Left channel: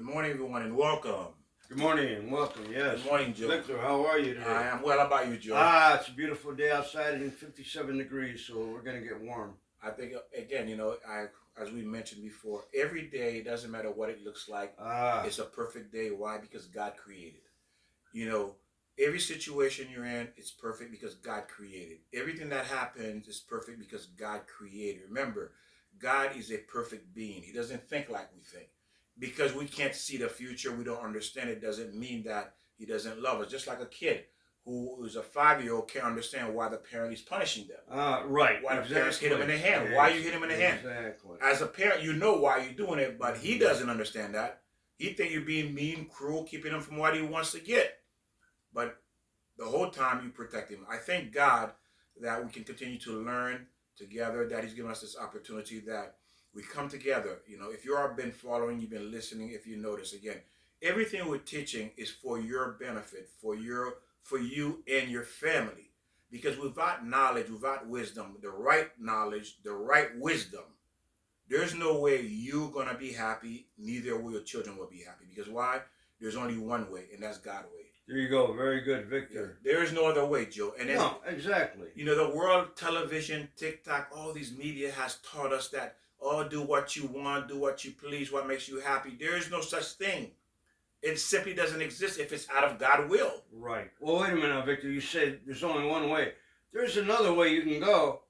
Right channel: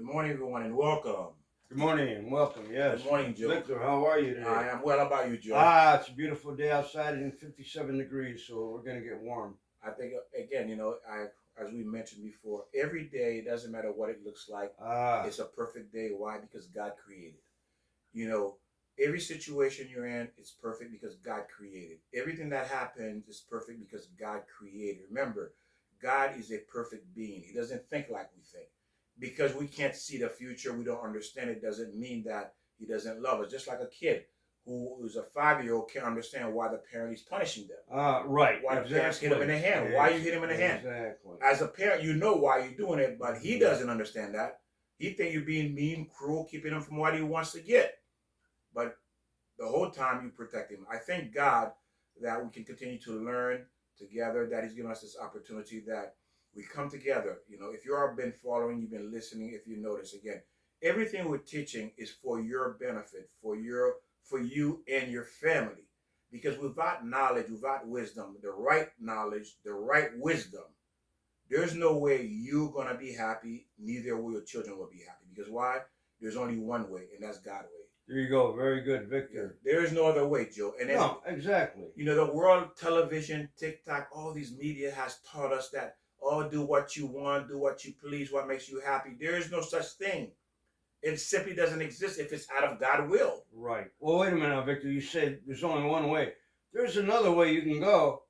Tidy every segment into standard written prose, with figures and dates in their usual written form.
Good morning, everyone, and welcome. Good morning and welcome. Yes. Good morning, Joe. Victor, how are you today? I am well. How about you, Joe? It's a beautiful day outside and 57 degrees, so we're going to get warm. I think again, as we mentioned before, every day, it doesn't matter what it looks like. It's a perfect day. Why? Because God created. You know, every situation you're in, it's perfect because God created. Everything that happens is perfect because God created. Remember, God is a perfect being. He doesn't think like we think. Because we can't see the future, we don't understand it, doesn't mean that he doesn't love us. Just like a kid who is a 5-year-old can't understand why the parent is punishing them. Right. Why exactly. the parents hit him in the hand. Why you hit him in the hand. Exactly. As a parent, you know why you're doing it, but he doesn't understand that. He think you're being mean, cruel, keeping him from what he wants to get. But the whole time you protect him. I thank God that we can continue to learn together, that he's given us this opportunity, that we come together. If you've been following, you've been listening, if you notice, again, everything we're teaching is for your benefit, for you and your family. Because without knowledge, without wisdom, the right knowledge, the right wisdom, there's no way you're going to be happy, neither will your children will be happy. Because why? There's only one way, and that's God's way. There you go. Very good, Victor. There's no other way, Joe. And then, no, exactly. The world, television, TikTok, all these media has taught us that, do what you want, do what you please, what makes you happy. There is no such thing. It simply doesn't exist if it's out of God's will. Right. Well, wait a minute, Victor. You said there's only one way. There's another way you can go.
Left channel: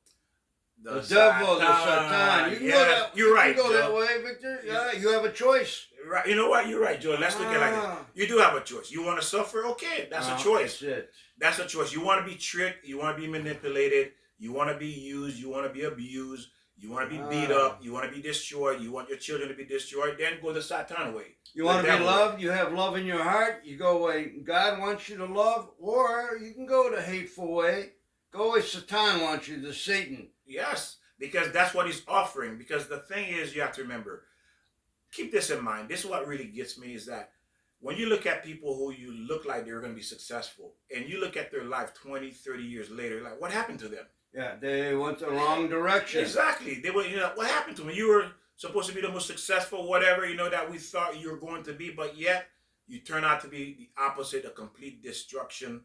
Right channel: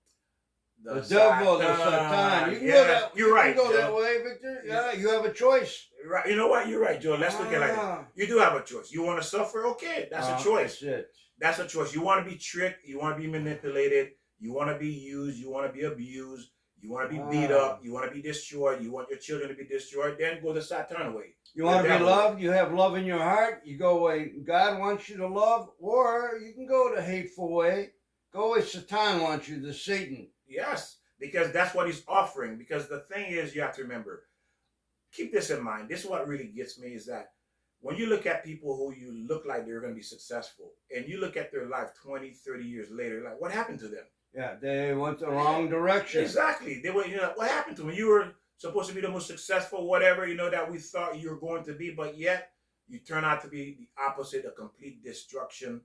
The devil, the Satan. You can go that. You're right. You can go that way, Victor. Yeah, you have a choice. Right. You know what? You're right, Joe. Let's look at it like that. You do have a choice. You want to suffer? Okay, that's a choice. That's it. That's a choice. You want to be tricked. You want to be manipulated. You want to be used. You want to be abused. You want to be beat up. You want to be destroyed. You want your children to be destroyed. Then go the Satan way. You want to be loved. You have love in your heart. You go away. God wants you to love, or you can go the hateful way. Go away. Satan wants you, the Satan. Yes, because that's what he's offering. Because the thing is, you have to remember, keep this in mind. This is what really gets me, is that when you look at people who you look like they're going to be successful, and you look at their life 20, 30 years later, like, what happened to them? Yeah, they went the wrong direction. Exactly. They went, what happened to them? You were supposed to be the most successful, whatever, that we thought you were going to be, but yet you turn out to be the opposite, a complete destruction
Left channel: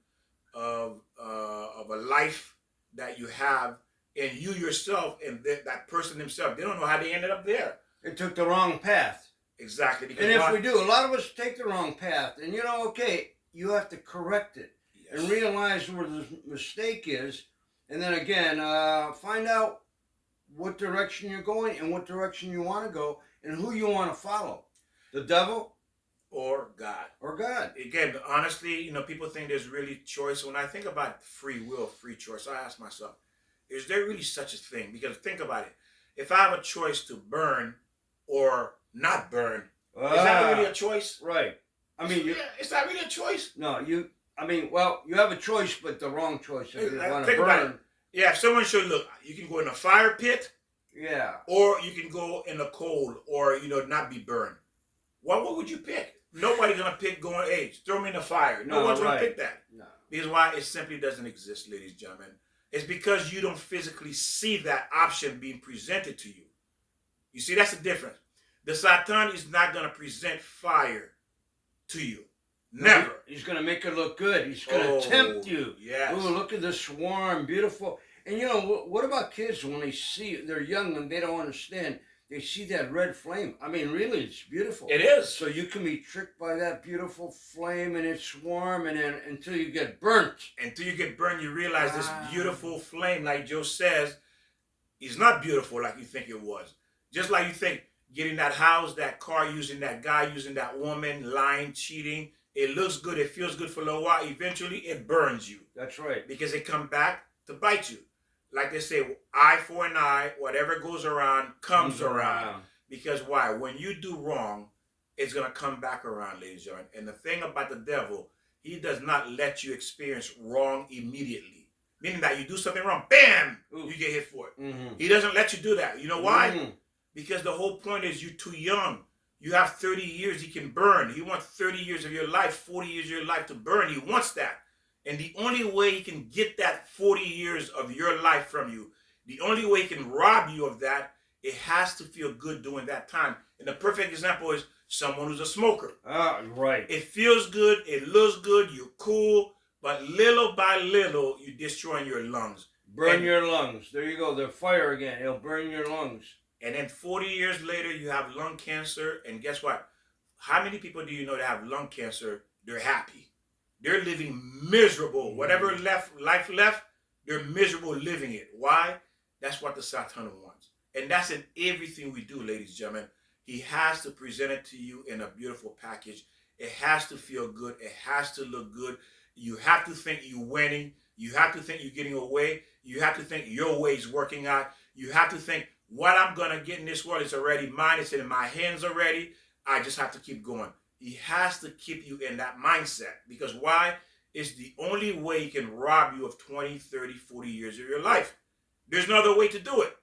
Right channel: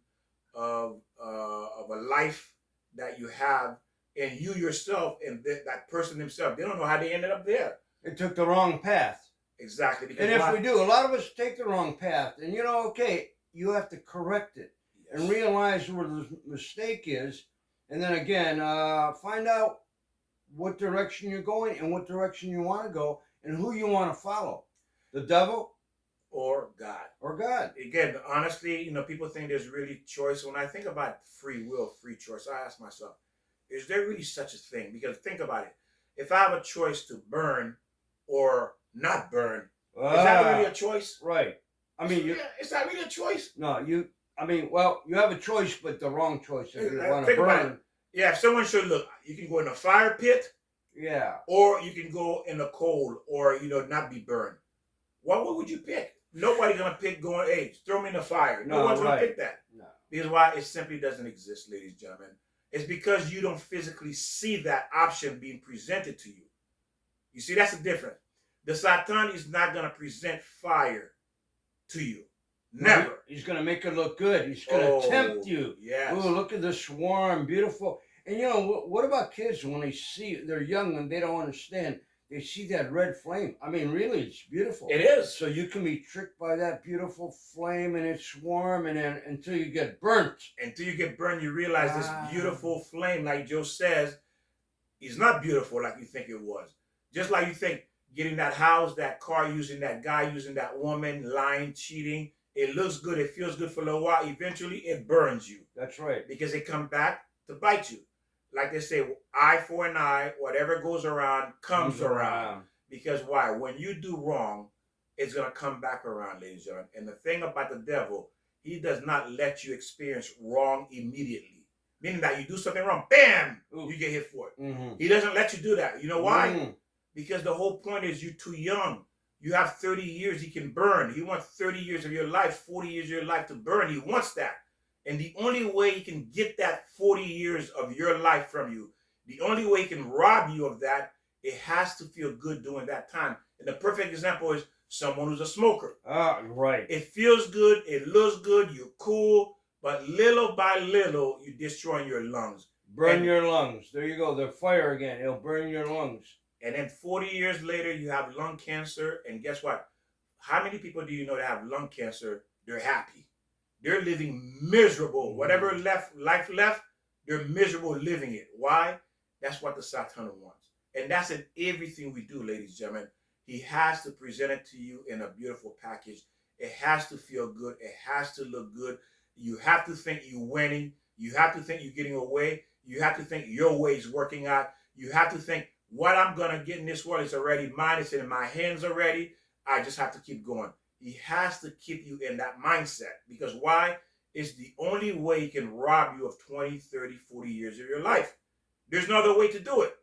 of a life that you have. And you yourself and that person himself, they don't know how they ended up there. They took the wrong path. Exactly. And if we do, a lot of us take the wrong path. And okay, you have to correct it and realize where the mistake is. And then again, find out what direction you're going and what direction you want to go and who you want to follow. The devil or God. Or God. Again, honestly, people think there's really choice. When I think about free will, free choice, I ask myself, is there really such a thing? Because think about it. If I have a choice to burn or not burn, is that really a choice? Right. I mean, it's not really a choice. No, you have a choice, but the wrong choice if you want to burn. Yeah, if someone should look, you can go in a fire pit. Yeah. Or you can go in the cold or, not be burned. What would you pick? Nobody's going to pick going, hey, throw me in the fire. No one's going to pick that. No. Because why? It simply doesn't exist, ladies and gentlemen. It's because you don't physically see that option being presented to you. You see, that's the difference. The Satan is not going to present fire to you. Never. No, he's going to make it look good. He's going to tempt you. Yes. Oh, look at this swarm, beautiful. And what about kids when they're young and they don't understand? They see that red flame. I mean, really, it's beautiful. It is. So you can be tricked by that beautiful flame and its warm, and then until you get burnt. Until you get burned, you realize this beautiful flame, like Joe says, is not beautiful like you think it was. Just like you think getting that house, that car, using that guy, using that woman, lying, cheating, it looks good, it feels good for a little while. Eventually, it burns you. That's right. Because it comes back to bite you. Like they say, eye for an eye, whatever goes around comes around. Because why? When you do wrong, it's going to come back around, ladies and gentlemen. And the thing about the devil, he does not let you experience wrong immediately. Meaning that you do something wrong, bam, you get hit for it. Mm-hmm. He doesn't let you do that. You know why? Mm-hmm. Because the whole point is you're too young. You have 30 years he can burn. He wants 30 years of your life, 40 years of your life to burn. He wants that. And the only way he can get that 40 years of your life from you, the only way he can rob you of that, it has to feel good during that time. And the perfect example is someone who's a smoker. Right. It feels good, it looks good, you're cool, but little by little, you're destroying your lungs. Burn And your lungs. There you go. The fire again. It'll burn your lungs. And then 40 years later, you have lung cancer. And guess what? How many people do you know that have lung cancer? They're happy. They're living miserable. Whatever life left, they're miserable living it. Why? That's what the Satan wants. And that's in everything we do, ladies and gentlemen. He has to present it to you in a beautiful package. It has to feel good. It has to look good. You have to think you're winning. You have to think you're getting away. You have to think your way is working out. You have to think what I'm going to get in this world is already mine. It's in my hands already. I just have to keep going. He has to keep you in that mindset. Because why? It's the only way he can rob you of 20, 30, 40 years of your life. There's no other way to do it.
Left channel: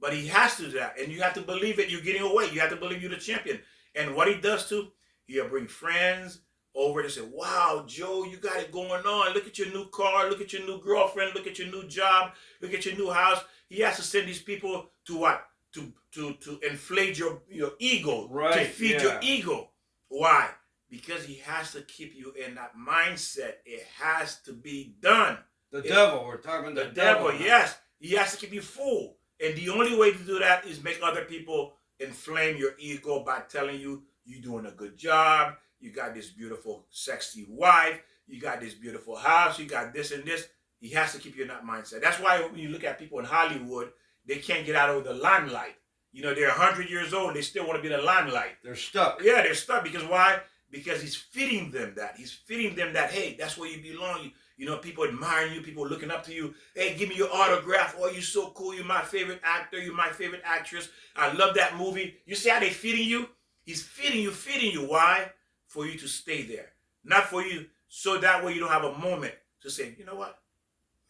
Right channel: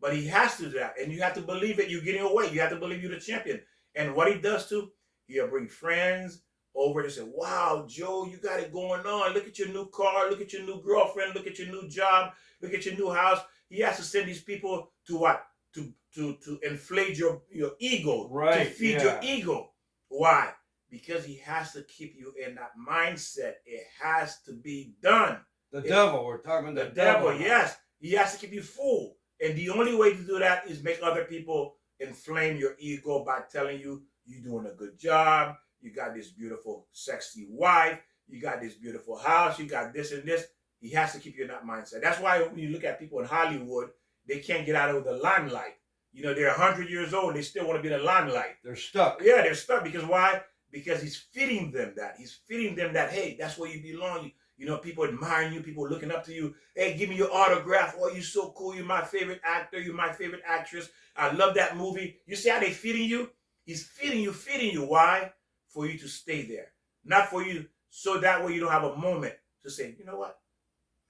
But he has to do that. And you have to believe that you're getting away. You have to believe you're the champion. And what he does too, he'll bring friends over to say, wow, Joe, you got it going on. Look at your new car. Look at your new girlfriend. Look at your new job. Look at your new house. He has to send these people to what? To inflate your ego. Right. To feed your ego. Why? Because he has to keep you in that mindset. It has to be done. The devil. We're talking the devil. Yes. He has to keep you full. And the only way to do that is make other people inflame your ego by telling you you're doing a good job. You got this beautiful, sexy wife. You got this beautiful house. You got this and this. He has to keep you in that mindset. That's why when you look at people in Hollywood, they can't get out of the limelight. You know, they're 100 years old. They still want to be in the limelight. They're stuck. Yeah, they're stuck. Because why? Because he's feeding them that. He's feeding them that, hey, that's where you belong. You know, people admiring you, people looking up to you. Hey, give me your autograph. Oh, you're so cool. You're my favorite actor. You're my favorite actress. I love that movie. You see how they feeding you? He's feeding you. Why? For you to stay there. Not for you, so that way you don't have a moment to say, you know what?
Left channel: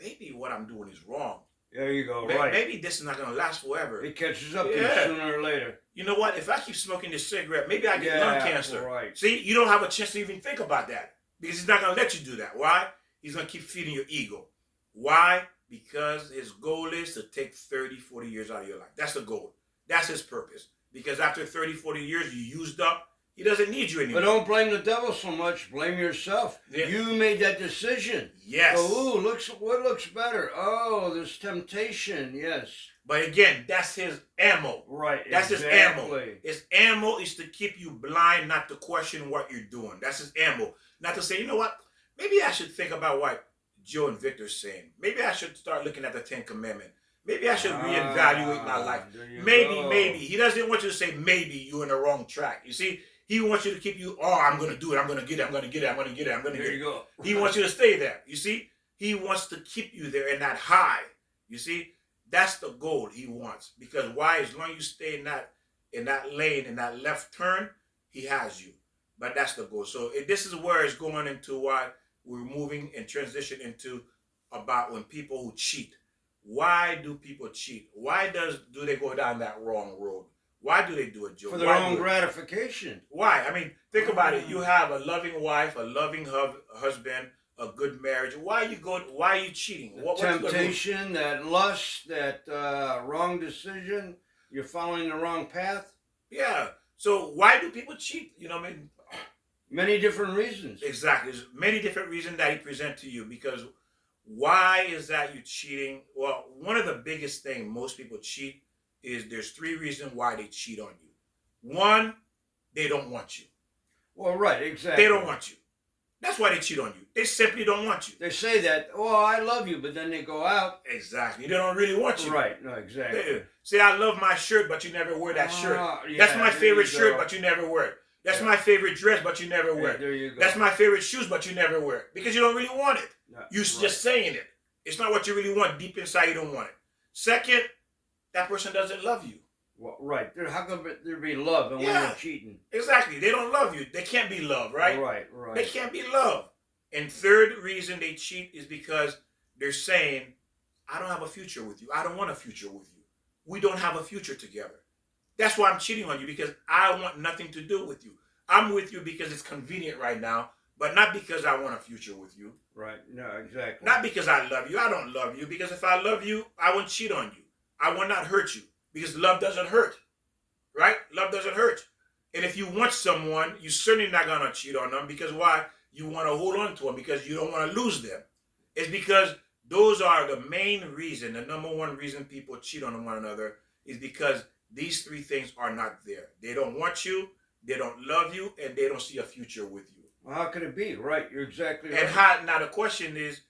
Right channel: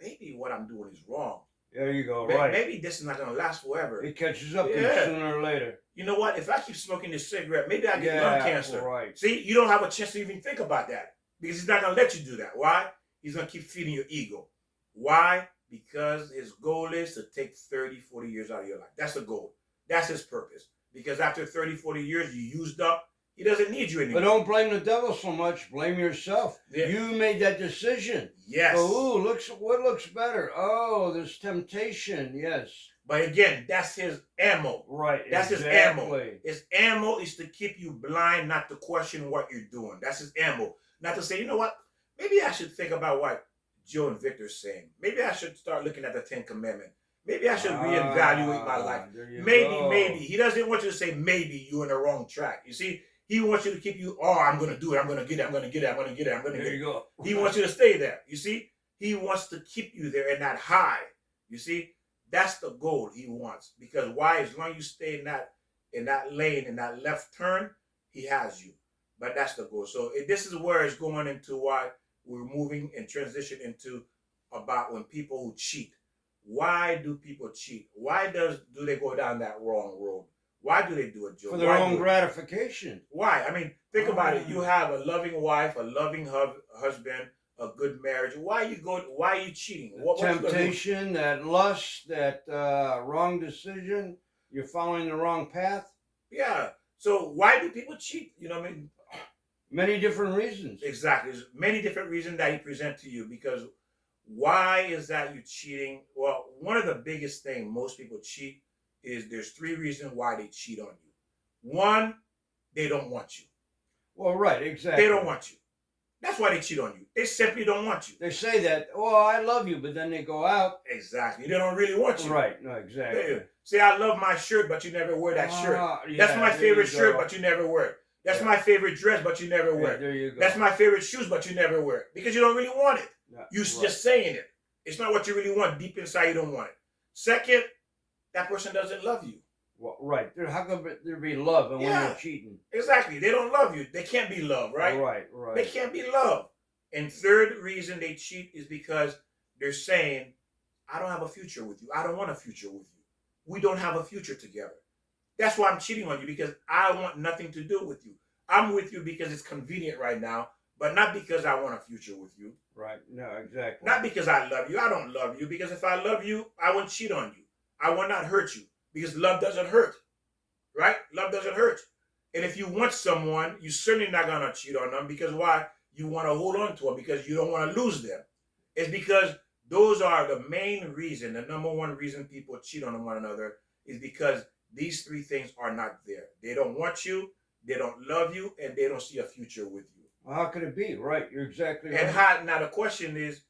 Maybe what I'm doing is wrong. There you go, right. Maybe this is not going to last forever. It catches up to you sooner or later. You know what? If I keep smoking this cigarette, maybe I get lung cancer. Right. See, you don't have a chance to even think about that. Because he's not going to let you do that. Why? He's going to keep feeding your ego. Why? Because his goal is to take 30, 40 years out of your life. That's the goal. That's his purpose. Because after 30, 40 years, you used up. He doesn't need you anymore. But don't blame the devil so much. Blame yourself. Yeah. You made that decision. Yes. Oh, what looks better? Oh, there's temptation. Yes. But again, that's his ammo. Right. That's his ammo. His ammo is to keep you blind, not to question what you're doing. That's his ammo. Not to say, you know what? Maybe I should think about what Joe and Victor's saying. Maybe I should start looking at the 10 Commandments. Maybe I should reevaluate my life. Maybe. He doesn't want you to say maybe you're in the wrong track. You see? He wants you to keep you, I'm going to do it. I'm going to get it. I'm going to get it. I'm going to get it. I'm going to get it. There you go. He wants you to stay there. You see? He wants to keep you there in that high. You see? That's the goal he wants. Because why? As long as you stay in that lane, in that left turn, he has you. But that's the goal. So this is where it's going into why we're moving and transition into about when people who cheat. Why do people cheat? Why do they go down that wrong road? Why do they do it, Joe? For their own gratification. Why? I mean, think about it. You have a loving wife, a loving husband, a good marriage. Why are you cheating? What's temptation, that lust, that wrong decision. You're following the wrong path. Yeah. So why do people cheat? You know what I mean? Many different reasons. Exactly. There's many different reasons that he presents to you. Because why is that you're cheating? Well, one of the biggest things most people cheat is there's 3 reasons why they cheat on you. 1, they don't want you. Well, right, exactly. They don't want you. That's why they cheat on you. They simply don't want you. They say that, I love you, but then they go out. Exactly. They don't really want you. Right, no, exactly. They say, I love my shirt, but you never wear that shirt. That's my favorite shirt, but you never wear it. That's my favorite dress, but you never wear it. There you go. That's my favorite shoes, but you never wear it. Because you don't really want it. You're just saying it. It's not what you really want. Deep inside, you don't want it. Second, that person doesn't love you. Well, right. How could there be love when you're cheating? Exactly. They don't love you. They can't be loved, right? Right. They can't be loved. And third reason they cheat is because they're saying, I don't have a future with you. I don't want a future with you. We don't have a future together. That's why I'm cheating on you, because I want nothing to do with you. I'm with you because it's convenient right now, but not because I want a future with you. Right. No, exactly. Not because I love you. I don't love you, because if I love you, I won't cheat on you. I will not hurt you, because love doesn't hurt, right? Love doesn't hurt. And if you want someone, you're certainly not gonna cheat on them because why? You want to hold on to them because you don't want to lose them. It's because those are the main reason, the number one reason people cheat on one another is because these three things are not there. They don't want you, they don't love you, and they don't see a future with you. Well, how could it be? Right, you're exactly right. And how, now the question is,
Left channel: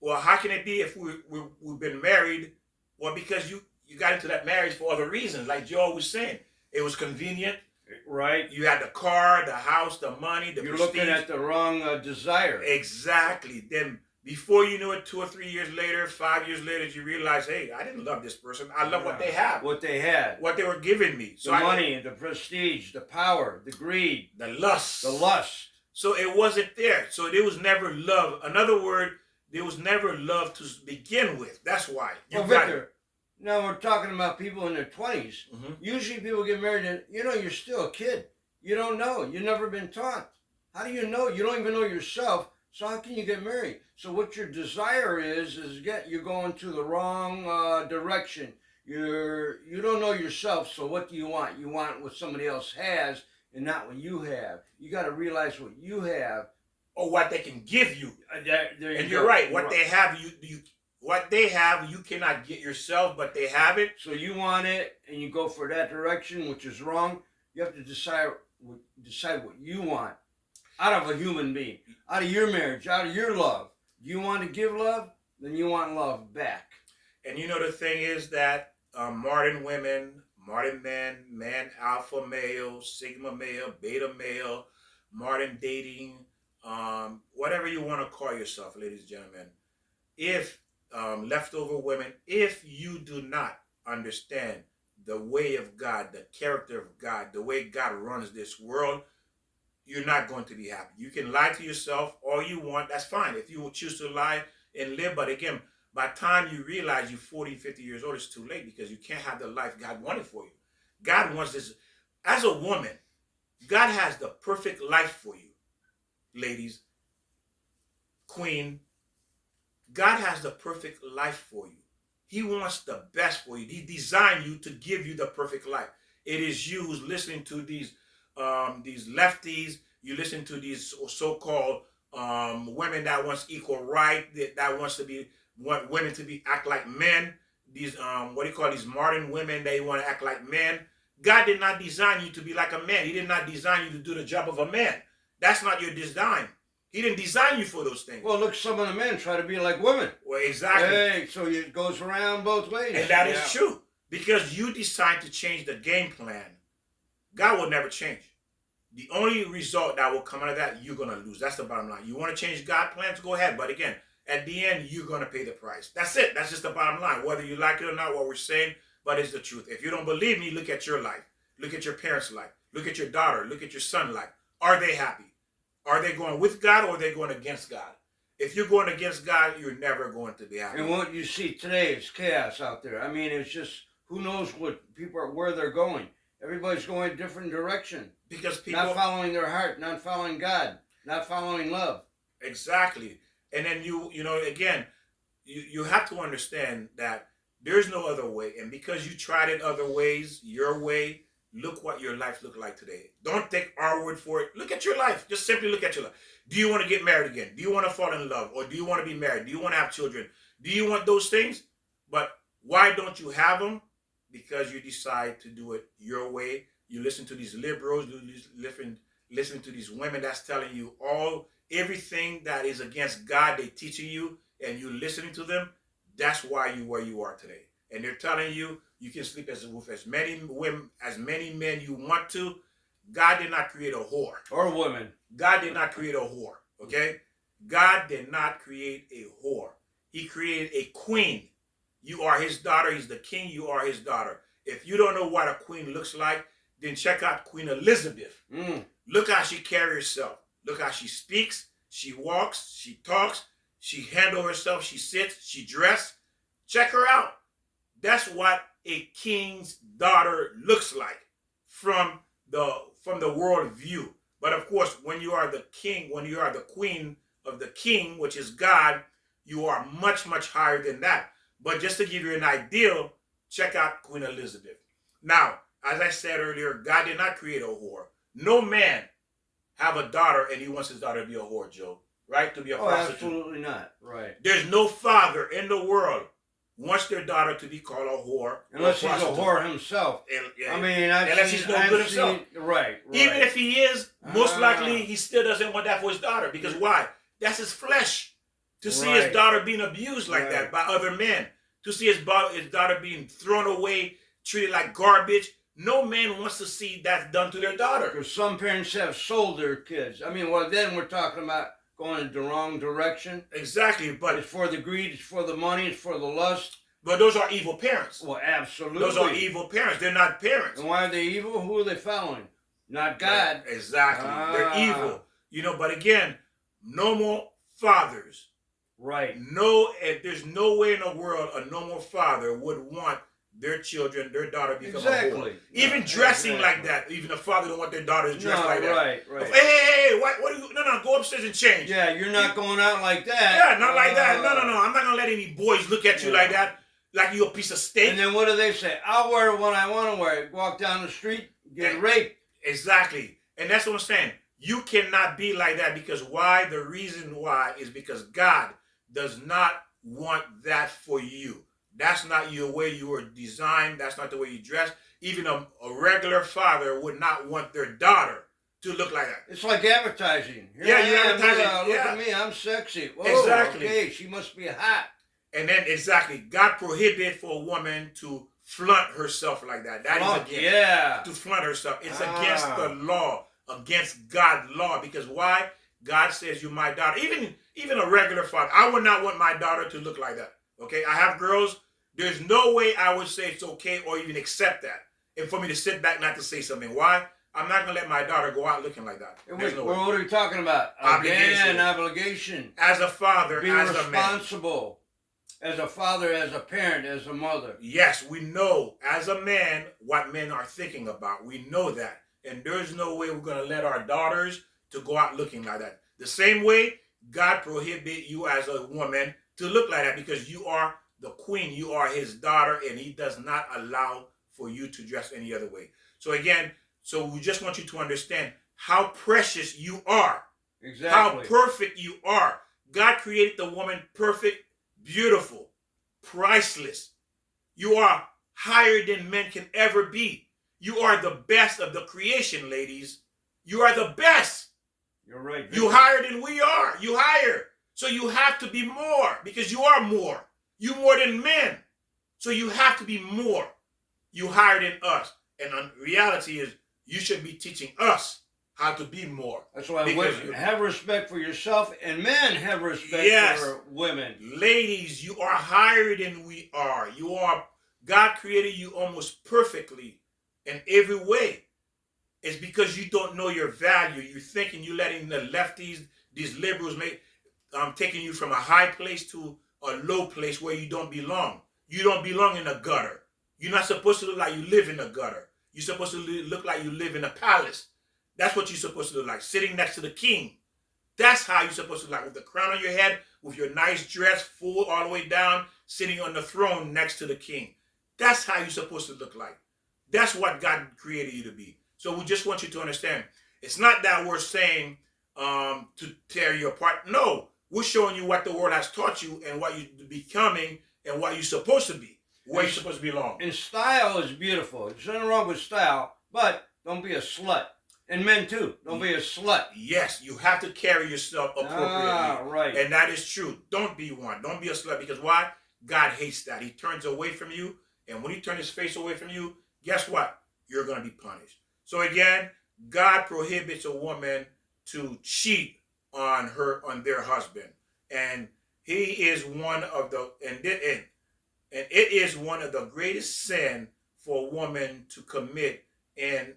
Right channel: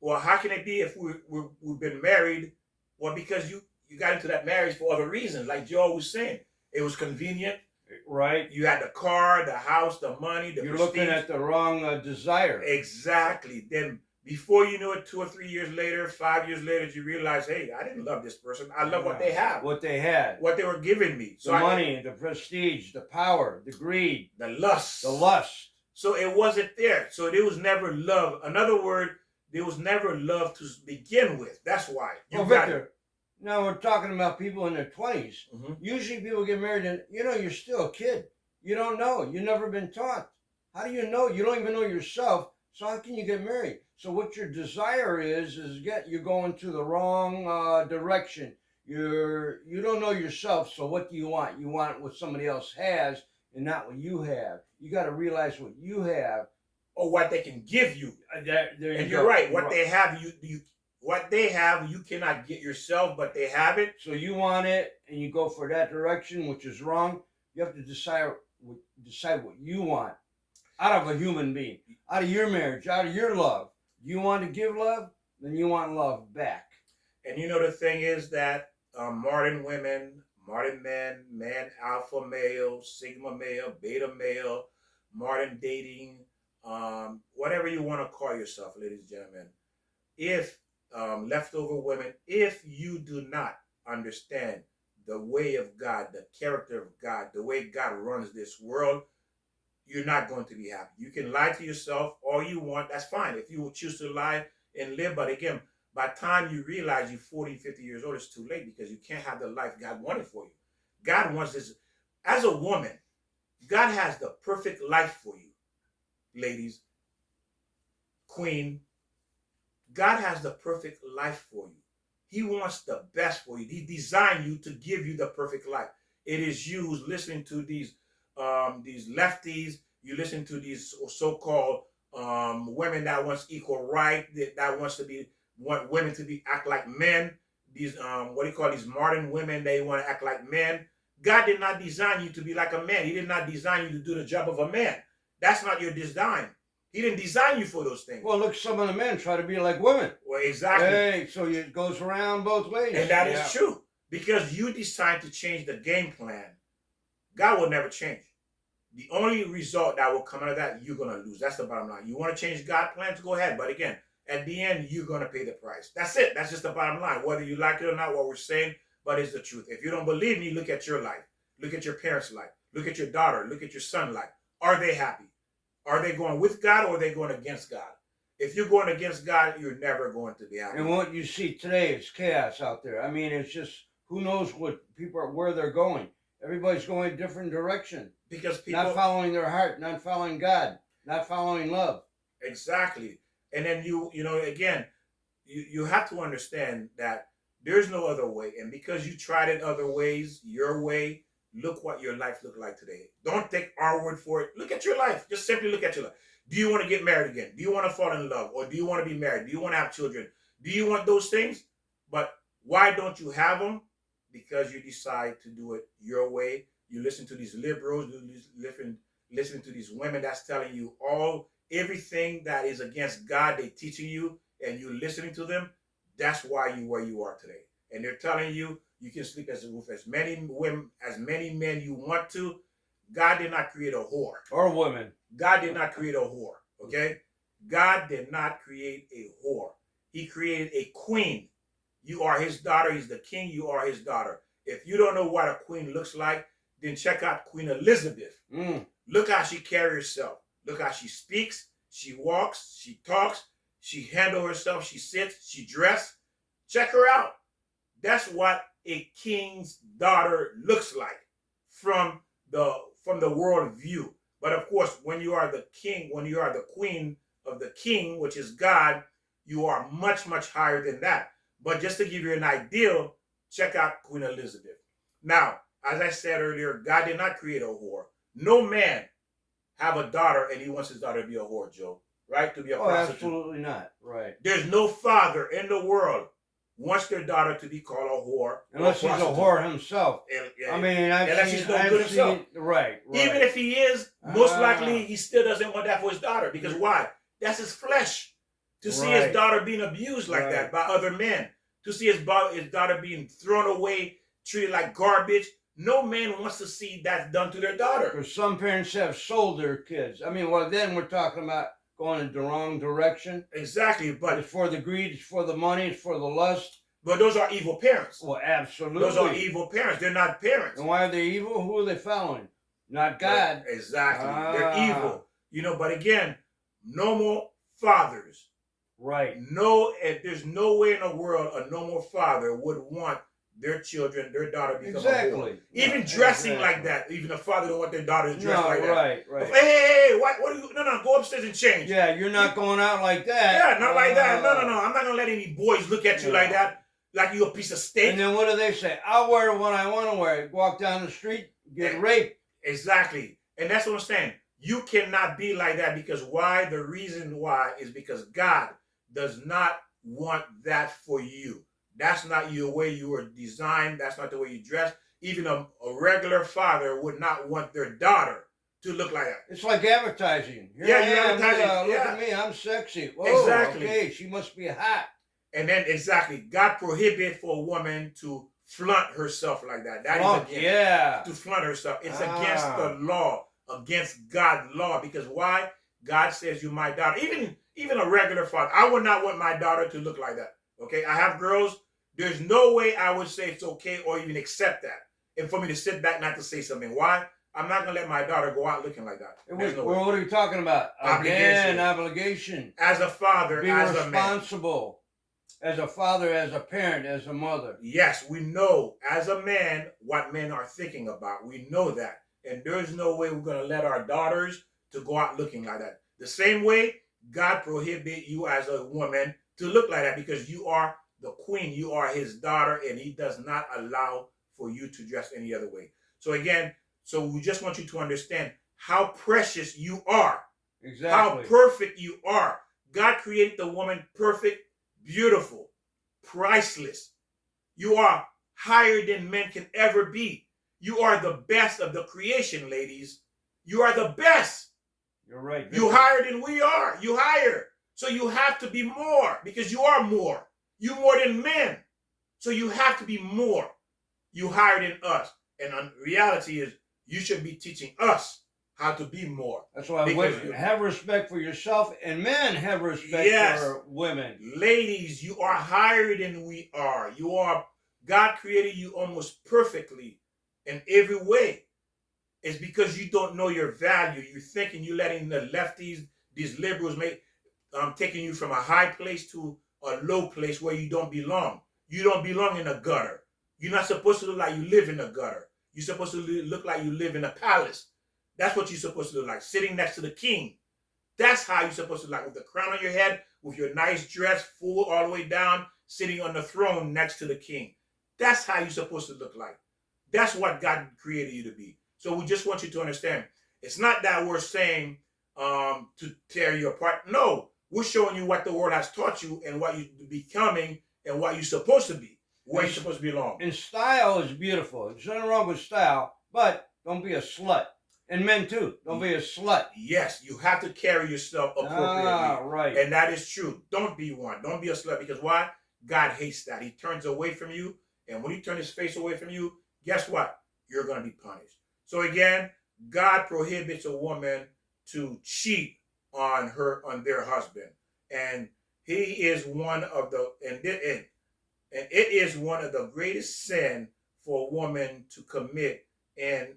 well, how can it be if we've been married? Well, because you got into that marriage for other reasons, like Joe was saying. It was convenient. Right. You had the car, the house, the money, the You're prestige. looking at the wrong desire. Exactly. Then before you knew it, 2 or 3 years later, 5 years later, you realize, hey, I didn't love this person. I love what they have. What they had. What they were giving me. So the money, the prestige, the power, the greed. The lust. The lust. So it wasn't there. So there was never love. Another word, there was never love to begin with. That's why. Well, Victor, now we're talking about people in their 20s. Mm-hmm. Usually people get married and, you're still a kid. You don't know. You've never been taught. How do you know? You don't even know yourself. So how can you get married? So what your desire is you're going to the wrong direction. You don't know yourself. So what do you want? You want what somebody else has and not what you have. You got to realize what you have. Or what they can give you. There and you're right. What they have, what they have, you cannot get yourself, but they have it. So you want it, and you go for that direction, which is wrong. You have to decide what you want out of a human being, out of your marriage, out of your love. You want to give love, then you want love back. And the thing is that modern women, modern men, man, alpha male, sigma male, beta male, modern dating, whatever you want to call yourself, ladies and gentlemen, if leftover women, if you do not understand the way of God, the character of God, the way God runs this world, you're not going to be happy. You can lie to yourself all you want. That's fine. If you choose to lie and live, but again, by the time you realize you're 40, 50 years old, it's too late because you can't have the life God wanted for you. God wants this. As a woman, God has the perfect life for you, ladies, queen. God has the perfect life for you. He wants the best for you. He designed you to give you the perfect life. It is you who's listening to these lefties. You listen to these so-called women that wants equal right, that want women to act like men. These what do you call these modern women? They want to act like men. God did not design you to be like a man. He did not design you to do the job of a man. That's not your design. He didn't design you for those things. Well, look, some of the men try to be like women. Well, exactly. Hey, so it goes around both ways. And that is true. Because you decide to change the game plan, God will never change. The only result that will come out of that, you're going to lose. That's the bottom line. You want to change God's plans, go ahead. But again, at the end, you're going to pay the price. That's it. That's just the bottom line. Whether you like it or not, what we're saying, but it's the truth. If you don't believe me, look at your life. Look at your parents' life. Look at your daughter. Look at your son's life. Are they happy? Are they going with God or are they going against God? If you're going against God, you're never going to be happy. And what you see today is chaos out there. I mean, it's just, who knows where they're going. Everybody's going a different direction. Because people... not following their heart, not following God, not following love. Exactly. And then again, you have to understand that there's no other way. And because you tried it other ways, your way, look what your life looked like today. Don't take our word for it. Look at your life. Just simply look at your life. Do you want to get married again? Do you want to fall in love? Or do you want to be married? Do you want to have children? Do you want those things? But why don't you have them? Because you decide to do it your way. You listen to these liberals. You listen to these women that's telling you everything that is against God. They're teaching you, and you're listening to them. That's why you're where you are today. And they're telling you you can sleep with as many women, as many men you want to. God did not create a whore. Or women. God did not create a whore. Okay? God did not create a whore. He created a queen. You are his daughter. He's the king. You are his daughter. If you don't know what a queen looks like, then check out Queen Elizabeth. Look how she carries herself. Look how she speaks. She walks. She talks. She handles herself. She sits. She dresses. Check her out. That's what a king's daughter looks like from the world view. But of course, when you are the king, when you are the queen of the king, which is God, you are much, much higher than that. But just to give you an idea, check out Queen Elizabeth. Now, as I said earlier, God did not create a whore. No man have a daughter and he wants his daughter to be a whore, Joe. Right? To be a Oh, prostitute. absolutely not. Right. There's no father in the world wants their daughter to be called a whore. Unless he's a whore himself. I mean, unless he's no good himself. Right. Even if he is, most likely he still doesn't want that for his daughter. Because why? That's his flesh. To see his daughter being abused like that by other men. To see his daughter being thrown away, treated like garbage. No man wants to see that done to their daughter. Because some parents have sold their kids. I mean, well, then we're talking about going in the wrong direction. Exactly, but it's for the greed, it's for the money, it's for the lust. But those are evil parents. Well, absolutely. Those are evil parents. They're not parents. And why are they evil? Who are they following? Not God. Right. Exactly. They're evil. But again, normal fathers. Right. There's no way in the world a normal father would want their children, their daughter to become a whore. Even dressing like that. Even a father don't want their daughters dressed like that. Right. Hey, what are you? No, go upstairs and change. Yeah, you're not going out like that. Yeah, not like that. No. I'm not gonna let any boys look at you like that, like you a piece of steak. And then what do they say? I'll wear what I want to wear. Walk down the street, get raped. Exactly, and that's what I'm saying. You cannot be like that because why? The reason why is because God does not want that for you. That's not your way you were designed. That's not the way you dress. Even a regular father would not want their daughter to look like that. It's like advertising. Look at me, I'm sexy. Whoa, exactly. Okay, she must be hot. And then God prohibited for a woman to flaunt herself like that. To flaunt herself. It's against the law, against God's law. Because why? God says you're my daughter. Even a regular father, I would not want my daughter to look like that. Okay, I have girls. There's no way I would say it's okay or even accept that. And for me to sit back not to say something. Why? I'm not going to let my daughter go out looking like that. Wait, what are we talking about? Obligation. As a father, be responsible. As a father, as a parent, as a mother. Yes, we know as a man what men are thinking about. We know that. And there's no way we're going to let our daughters to go out looking like that. The same way God prohibit you as a woman to look like that because you are the queen, you are his daughter, and he does not allow for you to dress any other way. So again, we just want you to understand how precious you are. Exactly. How perfect you are. God created the woman perfect, beautiful, priceless. You are higher than men can ever be. You are the best of the creation, ladies. You are the best. You're right. Victor. You higher than we are. You higher. So you have to be more because you are more. You more than men. So you have to be more. You higher than us. And the reality is you should be teaching us how to be more. That's why women have respect for yourself and men have respect for women. Ladies, you are higher than we are. God created you almost perfectly in every way. It's because you don't know your value. You're thinking you're letting the lefties, these liberals, taking you from a high place to a low place where you don't belong. You don't belong in a gutter. You're not supposed to look like you live in a gutter. You're supposed to look like you live in a palace. That's what you're supposed to look like, sitting next to the king. That's how you're supposed to look like, with the crown on your head, with your nice dress full all the way down, sitting on the throne next to the king. That's how you're supposed to look like. That's what God created you to be. So we just want you to understand, it's not that we're saying to tear you apart. No, we're showing you what the world has taught you and what you're becoming and what you're supposed to be, where you're supposed to belong. And style is beautiful. There's nothing wrong with style, but don't be a slut. And men too, don't be a slut. Yes, you have to carry yourself appropriately. Right. And that is true. Don't be one. Don't be a slut, because why? God hates that. He turns away from you, and when he turns his face away from you, guess what? You're going to be punished. So again, God prohibits a woman to cheat on their husband, and he is one of the it is one of the greatest sin for a woman to commit, and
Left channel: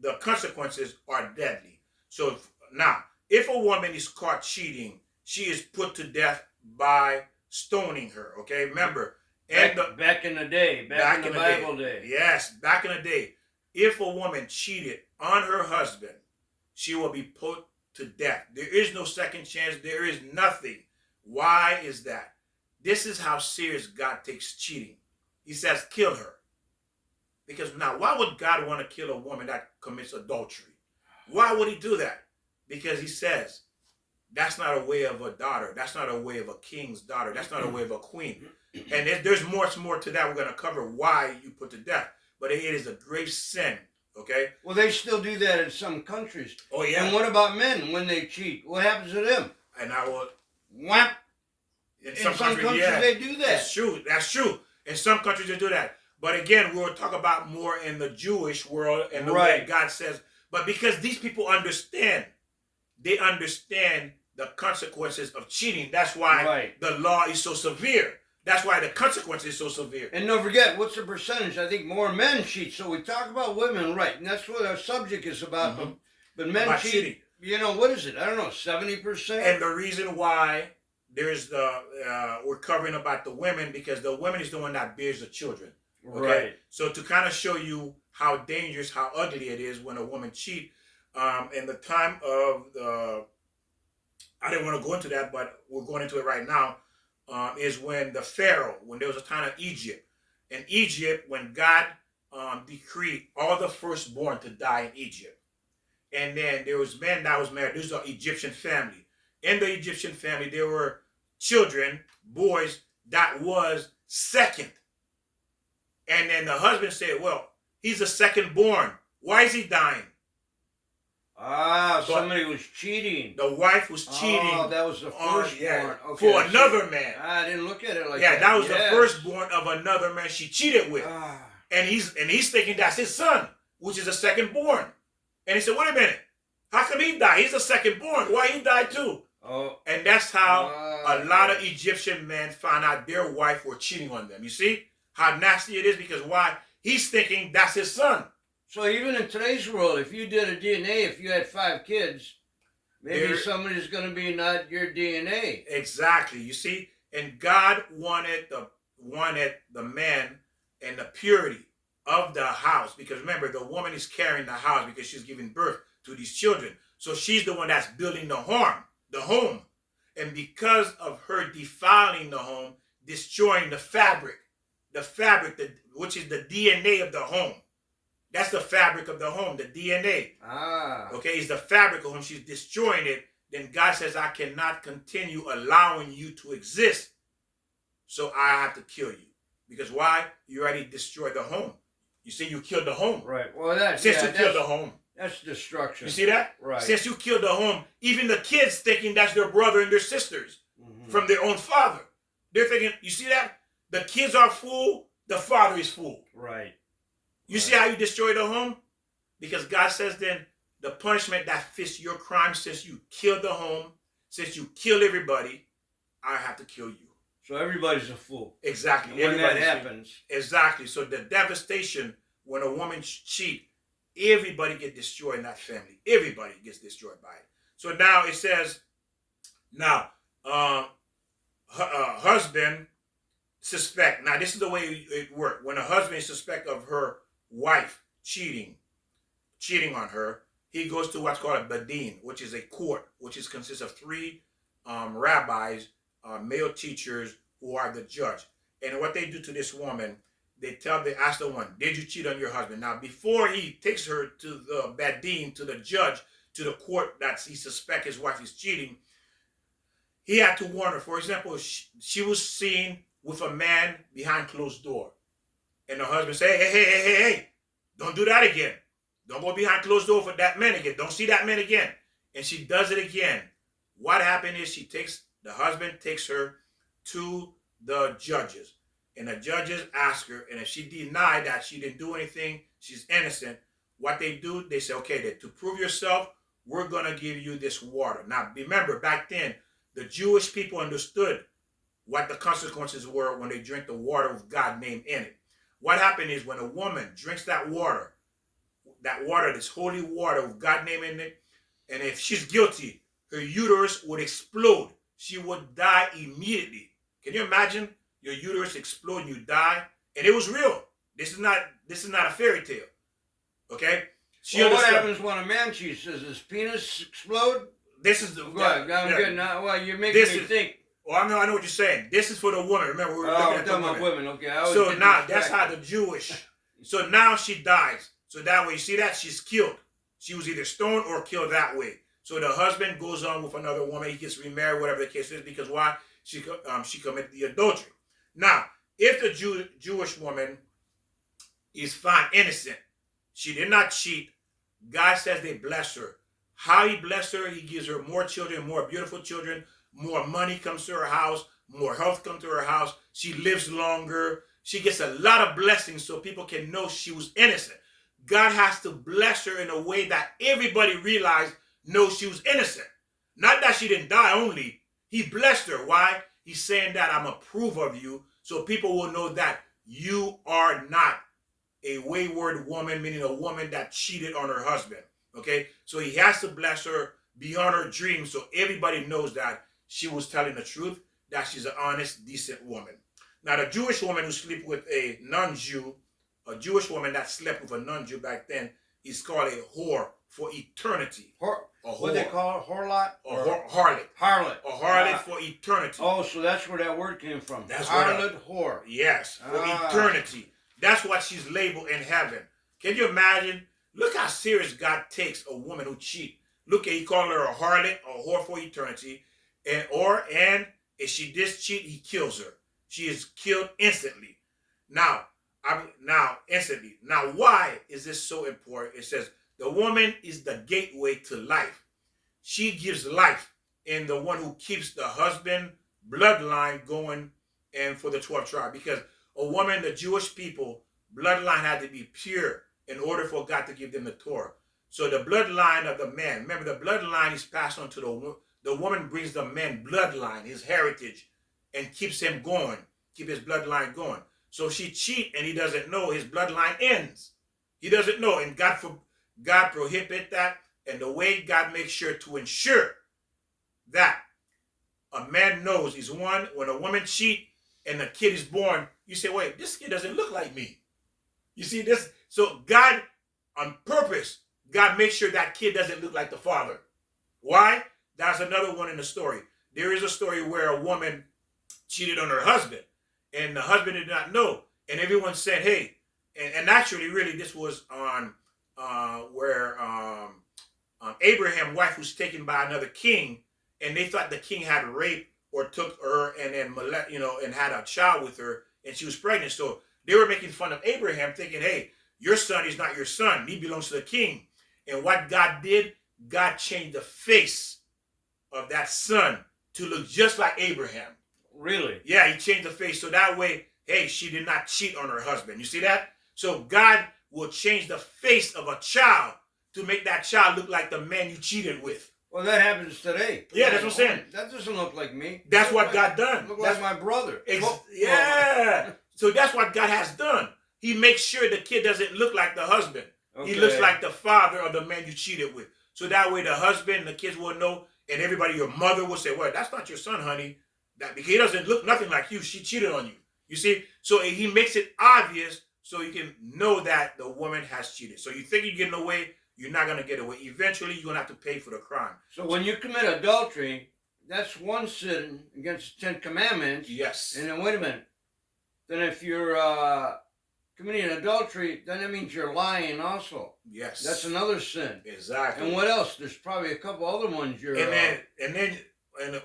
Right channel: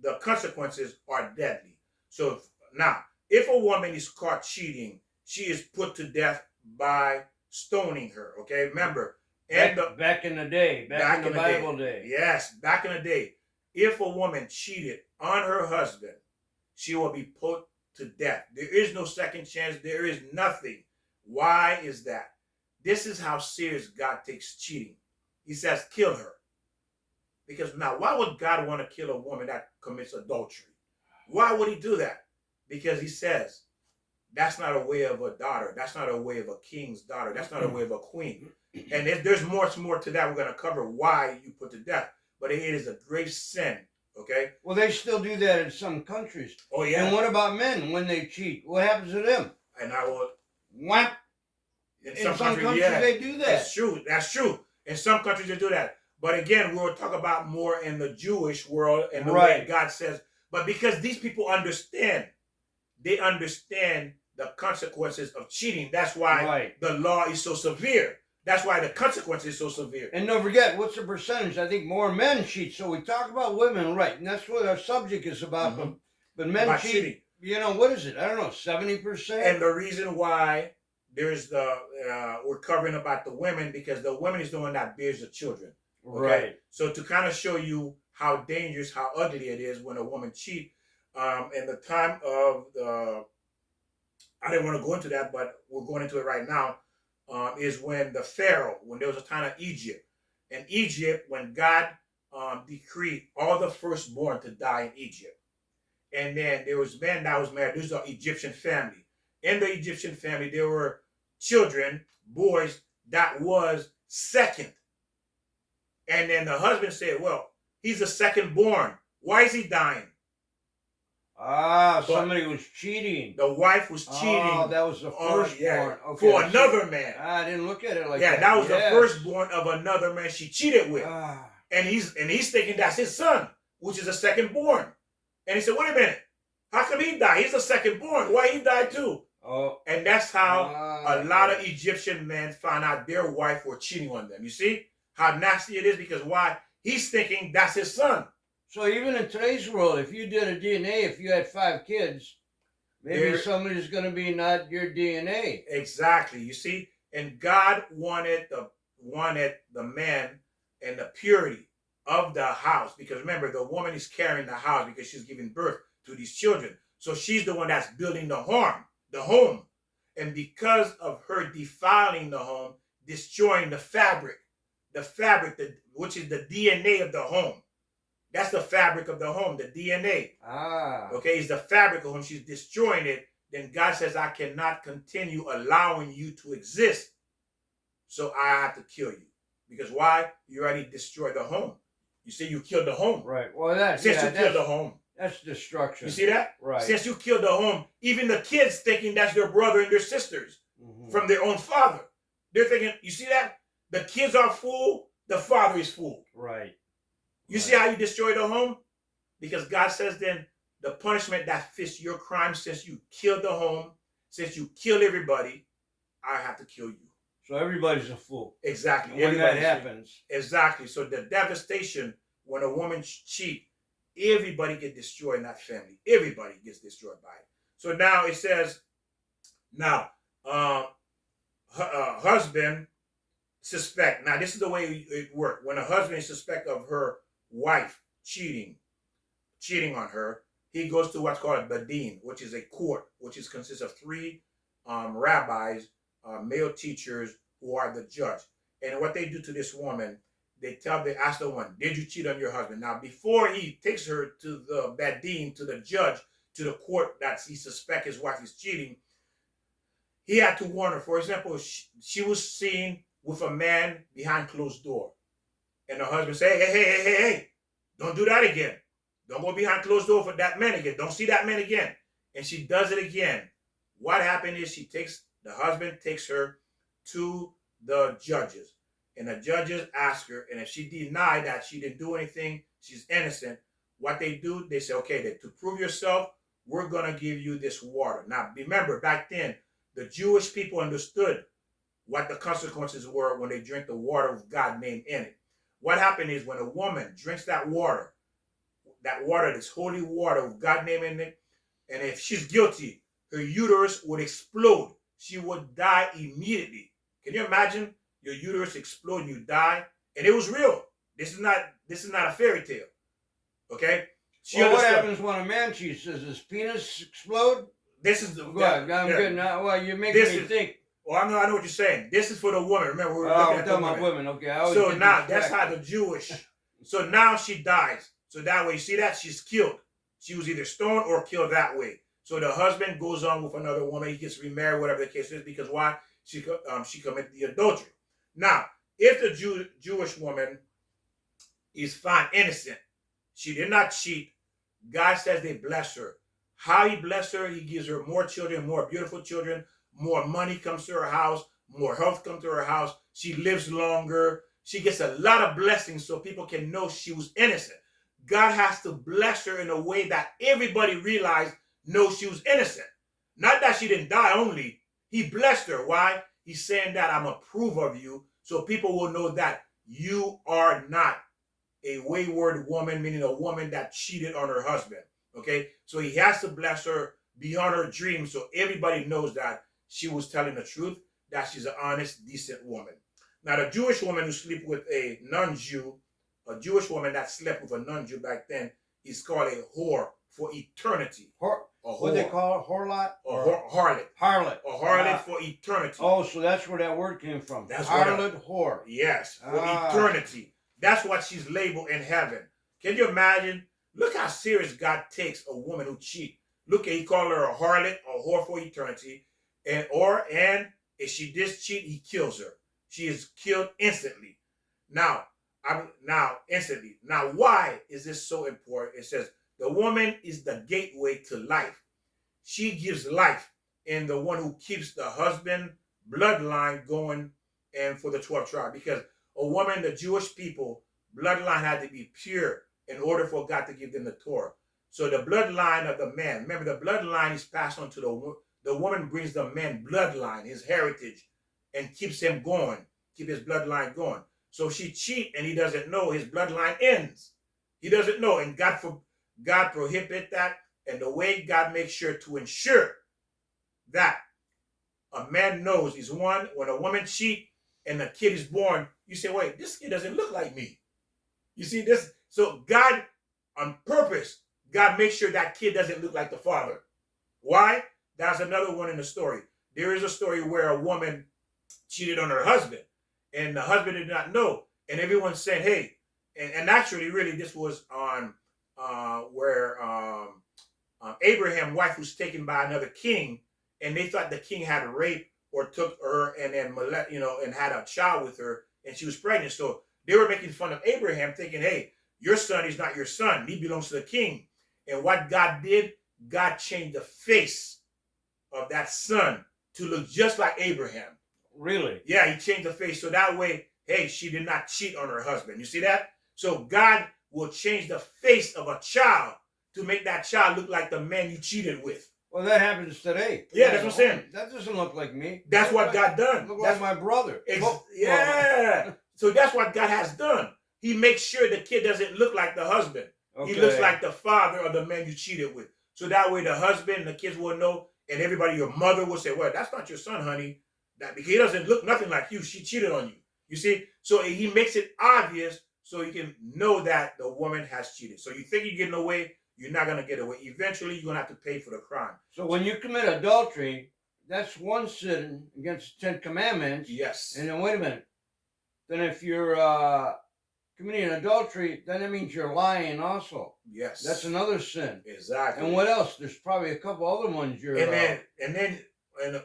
the consequences are deadly. So now, if a woman is caught cheating, she is put to death by stoning her. Okay, remember, back in the day, back in the Bible day. Yes, back in the day. If a woman cheated on her husband, she will be put to death. There is no second chance. There is nothing. Why is that? This is how serious God takes cheating. He says, kill her. Because now, why would God want to kill a woman that commits adultery? Why would he do that? Because he says, that's not a way of a daughter. That's not a way of a king's daughter. That's not a way of a queen. And there's much more to that. We're going to cover why you put to death. But it is a grave sin, okay? Well, they still do that in some countries. Oh, yeah. And what about men when they cheat? What happens to them? And I will... Whap. In some countries, yeah, they do that. That's true. That's true. In some countries, they do that. But again, we'll talk about more in the Jewish world and the way God says. But because these people understand, they understand the consequences of cheating. That's why the law is so severe. That's why the consequence is so severe. And don't forget, what's the percentage? I think more men cheat. So we talk about women, right? And that's what our subject is about. Mm-hmm. But men cheat. Cheating. You know, what is it? I don't know, 70%? And the reason why there's the, we're covering about the women, because the women is the one that bears the children. Okay? Right. So to kind of show you how dangerous, how ugly it is when a woman cheats, in the time of the, I didn't want to go into that, but we're going into it right now, is when the Pharaoh, when there was a time of Egypt. In Egypt, when God decreed all the firstborn to die in Egypt. And then there was men that was married. This is an Egyptian family. In the Egyptian family, there were children, boys, that was second. And then the husband said, well, he's the second born. Why is he dying? But somebody was cheating. The wife was cheating. Oh, that was the firstborn. Yeah, okay, for another man. I didn't look at it like that. Yeah, that was the firstborn of another man she cheated with. And he's thinking that's his son, which is a secondborn. And he said, wait a minute. How come he died? He's the secondborn. Why he died too? Oh. And that's how a lot of Egyptian men found out their wife were cheating on them. You see how nasty it is? Because why? He's thinking that's his son. So even in today's world, if you did a DNA, if you had 5 kids, maybe somebody's going to be not your DNA. Exactly. You see? And God wanted the man and the purity of the house. Because remember, the woman is carrying the house because she's giving birth to these children. So she's the one that's building the home. And because of her defiling the home, destroying the fabric, which is the DNA of the home. That's the fabric of the home, the DNA. Okay, it's the fabric of home. She's destroying it. Then God says, I cannot continue allowing you to exist. So I have to kill you. Because why? You already destroyed the home. You see, you killed the home. Right. Well, since you killed the home. That's destruction. You see that? Right. Since you killed the home, even the kids thinking that's their brother and their sisters from their own father. They're thinking, you see that? The kids are fool, the father is fool. Right. You see how you destroy the home? Because God says then the punishment that fits your crime, since you killed the home, since you killed everybody, I have to kill you. So everybody's a fool. Exactly. When that happens. Exactly. So the devastation when a woman cheats, everybody gets destroyed in that family. Everybody gets destroyed by it. So now it says, now, husband suspect. Now this is the way it worked. When a husband is suspect of her wife cheating on her, he goes to what's called a badin, which is a court, which consists of 3 rabbis, male teachers who are the judge. And what they do to this woman, they ask the one, did you cheat on your husband? Now, before he takes her to the badin, to the judge, to the court that he suspects his wife is cheating, he had to warn her. For example, she was seen with a man behind closed door. And her husband said, hey, don't do that again. Don't go behind closed door for that man again. Don't see that man again. And she does it again. What happened is the husband takes her to the judges. And the judges ask her, and if she denied that she didn't do anything, she's innocent, what they do, they say, okay, to prove yourself, we're going to give you this water. Now, remember, back then, the Jewish people understood what the consequences were when they drink the water with God's name in it. What happened is when a woman drinks that water, this holy water with God's name in it, and if she's guilty, her uterus would explode. She would die immediately. Can you imagine your uterus explode and you die? And it was real. This is not a fairy tale. Okay? What happens when a man cheats? Does his penis explode? This is the... Go ahead. I'm good now. Well, you're making me think. Well, I know what you're saying. This is for the woman. Remember, we're talking about women. Okay. So now, that's how the Jewish So now she dies. So that way, see that? She's killed. She was either stoned or killed that way. So the husband goes on with another woman. He gets remarried, whatever the case is, because why? She committed the adultery. Now, if the Jewish woman is found innocent, she did not cheat. God says they bless her. How he bless her, he gives her more children, more beautiful children, more money comes to her house, more health comes to her house. She lives longer. She gets a lot of blessings so people can know she was innocent. God has to bless her in a way that everybody realized knows she was innocent. Not that she didn't die only. He blessed her. Why? He's saying that I'm approve of you so people will know that you are not a wayward woman, meaning a woman that cheated on her husband. Okay? So he has to bless her beyond her dreams so everybody knows that she was telling the truth, that she's an honest, decent woman. Now, the Jewish woman who slept with a non-Jew, a Jewish woman that slept with a non-Jew back then, is called a whore for eternity. What they call it? Whorelot? Harlot. Harlot. A harlot for eternity. Oh, so that's where that word came from. That's harlot, whore. Yes, for eternity. That's what she's labeled in heaven. Can you imagine? Look how serious God takes a woman who cheats. Look, he called her a harlot, a whore for eternity, and if she did cheat, he kills her. She is killed instantly. Now, instantly. Now, why is this so important? It says the woman is the gateway to life. She gives life, and the one who keeps the husband bloodline going, and for the 12th tribe, because a woman, the Jewish people, bloodline had to be pure in order for God to give them the Torah. So the bloodline of the man, remember the bloodline is passed on to the woman brings the man bloodline, his heritage, and keeps him going, keep his bloodline going. So if she cheat and he doesn't know, his bloodline ends. He doesn't know, and God prohibit that. And the way God makes sure to ensure that a man knows is one, when a woman cheat and a kid is born, you say, wait, this kid doesn't look like me. You see this? So God, on purpose, God makes sure that kid doesn't look like the father. Why? That's another one in the story. There is a story where a woman cheated on her husband, and the husband did not know. And everyone said, hey, and actually, really, this was on where Abraham's wife was taken by another king, and they thought the king had raped or took her and then and had a child with her, and she was pregnant. So they were making fun of Abraham, thinking, hey, your son is not your son. He belongs to the king. And what God did, God changed the face of that son to look just like Abraham. Really? Yeah, he changed the face. So that way, hey, she did not cheat on her husband. You see that? So God will change the face of a child to make that child look like the man you cheated with. Well, that happens today. Yeah, that's what I'm saying. That doesn't look like me. That's what God done. Look like my brother. Yeah. So that's what God has done. He makes sure the kid doesn't look like the husband. Okay. He looks like the father of the man you cheated with. So that way the husband and the kids will know, and everybody, your mother will say, well, that's not your son, honey. Because he doesn't look nothing like you. She cheated on you. You see? So he makes it obvious so you can know that the woman has cheated. So you think you're getting away, you're not going to get away. Eventually, you're going to have to pay for the crime. So when you commit adultery, that's one sin against the 10 Commandments. Yes. And then, wait a minute. Then if you're committing adultery, then that means you're lying also. Yes. That's another sin. Exactly. And what else? There's probably a couple other ones you're...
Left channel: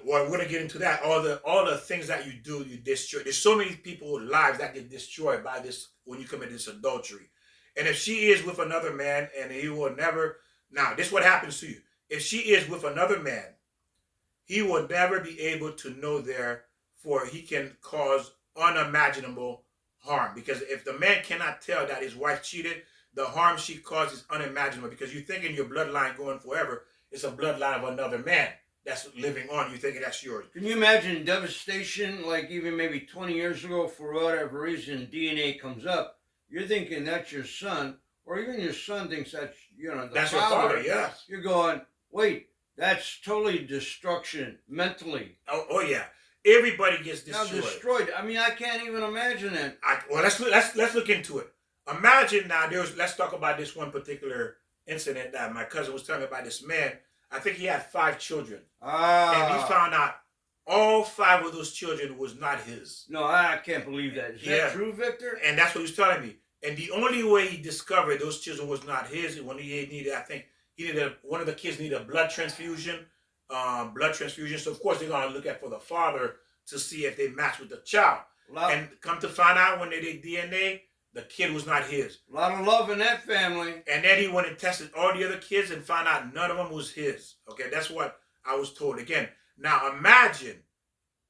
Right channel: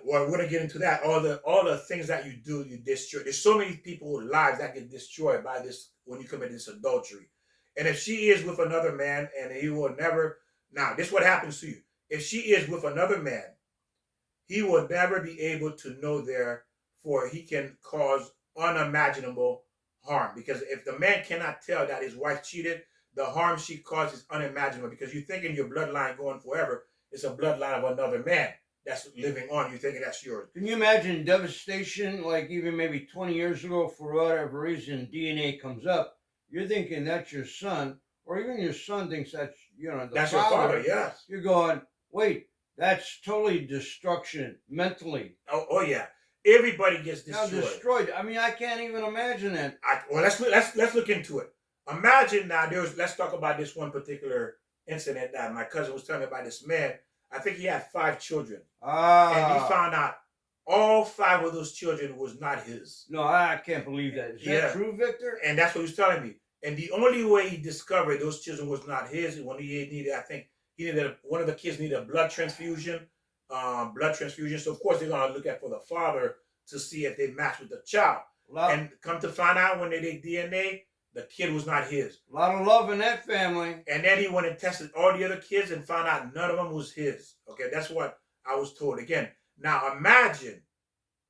Well, we're gonna get into that. All the things that you do, you destroy. There's so many people's lives that get destroyed by this when you commit this adultery. And if she is with another man, and he will never. Now, this is what happens to you. If she is with another man, he will never be able to know there, for he can cause unimaginable harm. Because if the man cannot tell that his wife cheated, the harm she causes is unimaginable. Because you think in your bloodline going forever, it's a bloodline of another man that's living on. You thinking that's yours. Can you imagine devastation, like even maybe 20 years ago, for whatever reason, DNA comes up, you're thinking that's your son, or even your son thinks that's, that's father. Your father, yes. You're going, wait, that's totally destruction, mentally. Oh yeah. Everybody gets destroyed. Now destroyed. I mean, I can't even imagine it. Well, let's look into it. Imagine now, let's talk about this one particular incident that my cousin was telling me about. This man, I think he had 5 children. And he found out all 5 of those children was not his. No, I can't believe that. Is that true, Victor? And that's what he was telling me. And the only way he discovered those children was not his, when he needed, I think one of the kids needed a blood transfusion. So of course they're gonna look at for the father to see if they match with the child. And come to find out when they did DNA, the kid was not his. A lot of love in that family. And then he went and tested all the other kids and found out none of them was his. Okay, that's what I was told. Again, now imagine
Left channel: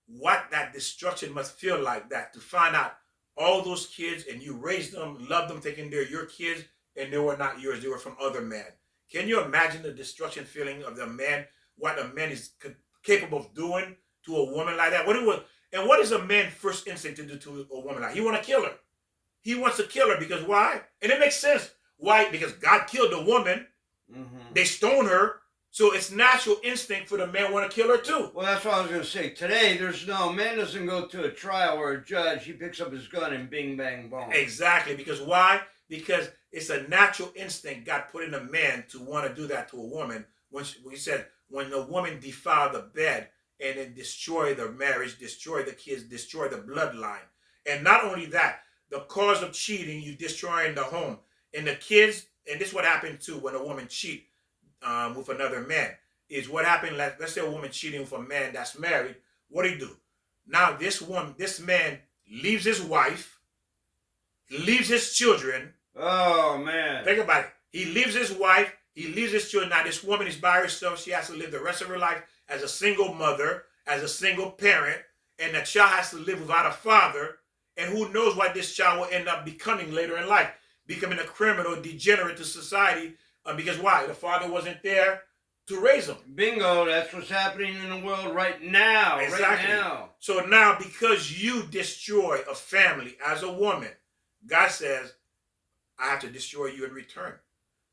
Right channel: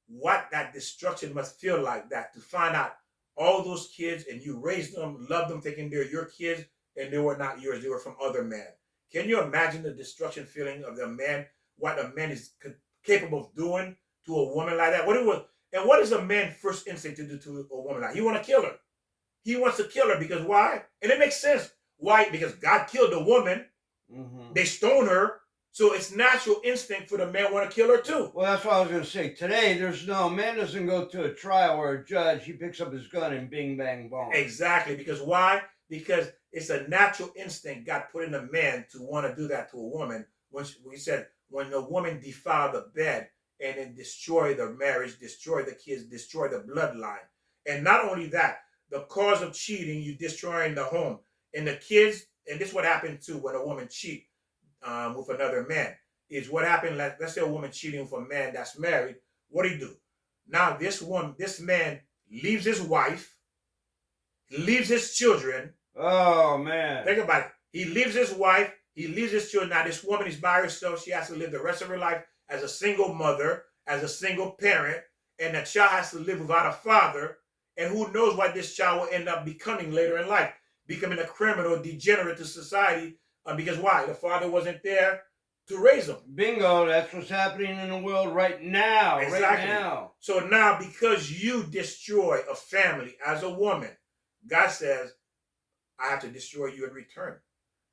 what that destruction must feel like, that to find out all those kids and you raised them, loved them, thinking they're your kids, and they were not yours. They were from other men. Can you imagine the destruction feeling of the man, what a man is capable of doing to a woman like that? What is a man's first instinct to do to a woman like that? He want to kill her. He wants to kill her because why? And it makes sense. Why? Because God killed the woman. Mm-hmm. They stoned her. So it's natural instinct for the man want to kill her too. Well, that's what I was going to say. Today, man doesn't go to a trial or a judge. He picks up his gun and bing, bang, boom. Exactly. Because why? Because it's a natural instinct God put in a man to want to do that to a woman. When we said, when a woman defile the bed and then destroy the marriage, destroy the kids, destroy the bloodline. And not only that, the cause of cheating, you destroying the home. And the kids, and this is what happened too when a woman cheats. With another man, is what happened. Like, let's say a woman cheating with a man that's married. What do you do? Now this man leaves his wife, leaves his children. Oh man! Think about it. He leaves his wife. He leaves his children. Now this woman is by herself. She has to live the rest of her life as a single mother, as a single parent, and the child has to live without a father. And who knows what this child will end up becoming later in life, becoming a criminal, degenerate to society. Because why? The father wasn't there to raise them. Bingo, that's what's happening in the world right now. Exactly. Right now. So now, because you destroy a family as a woman, God says, I have to destroy you in return.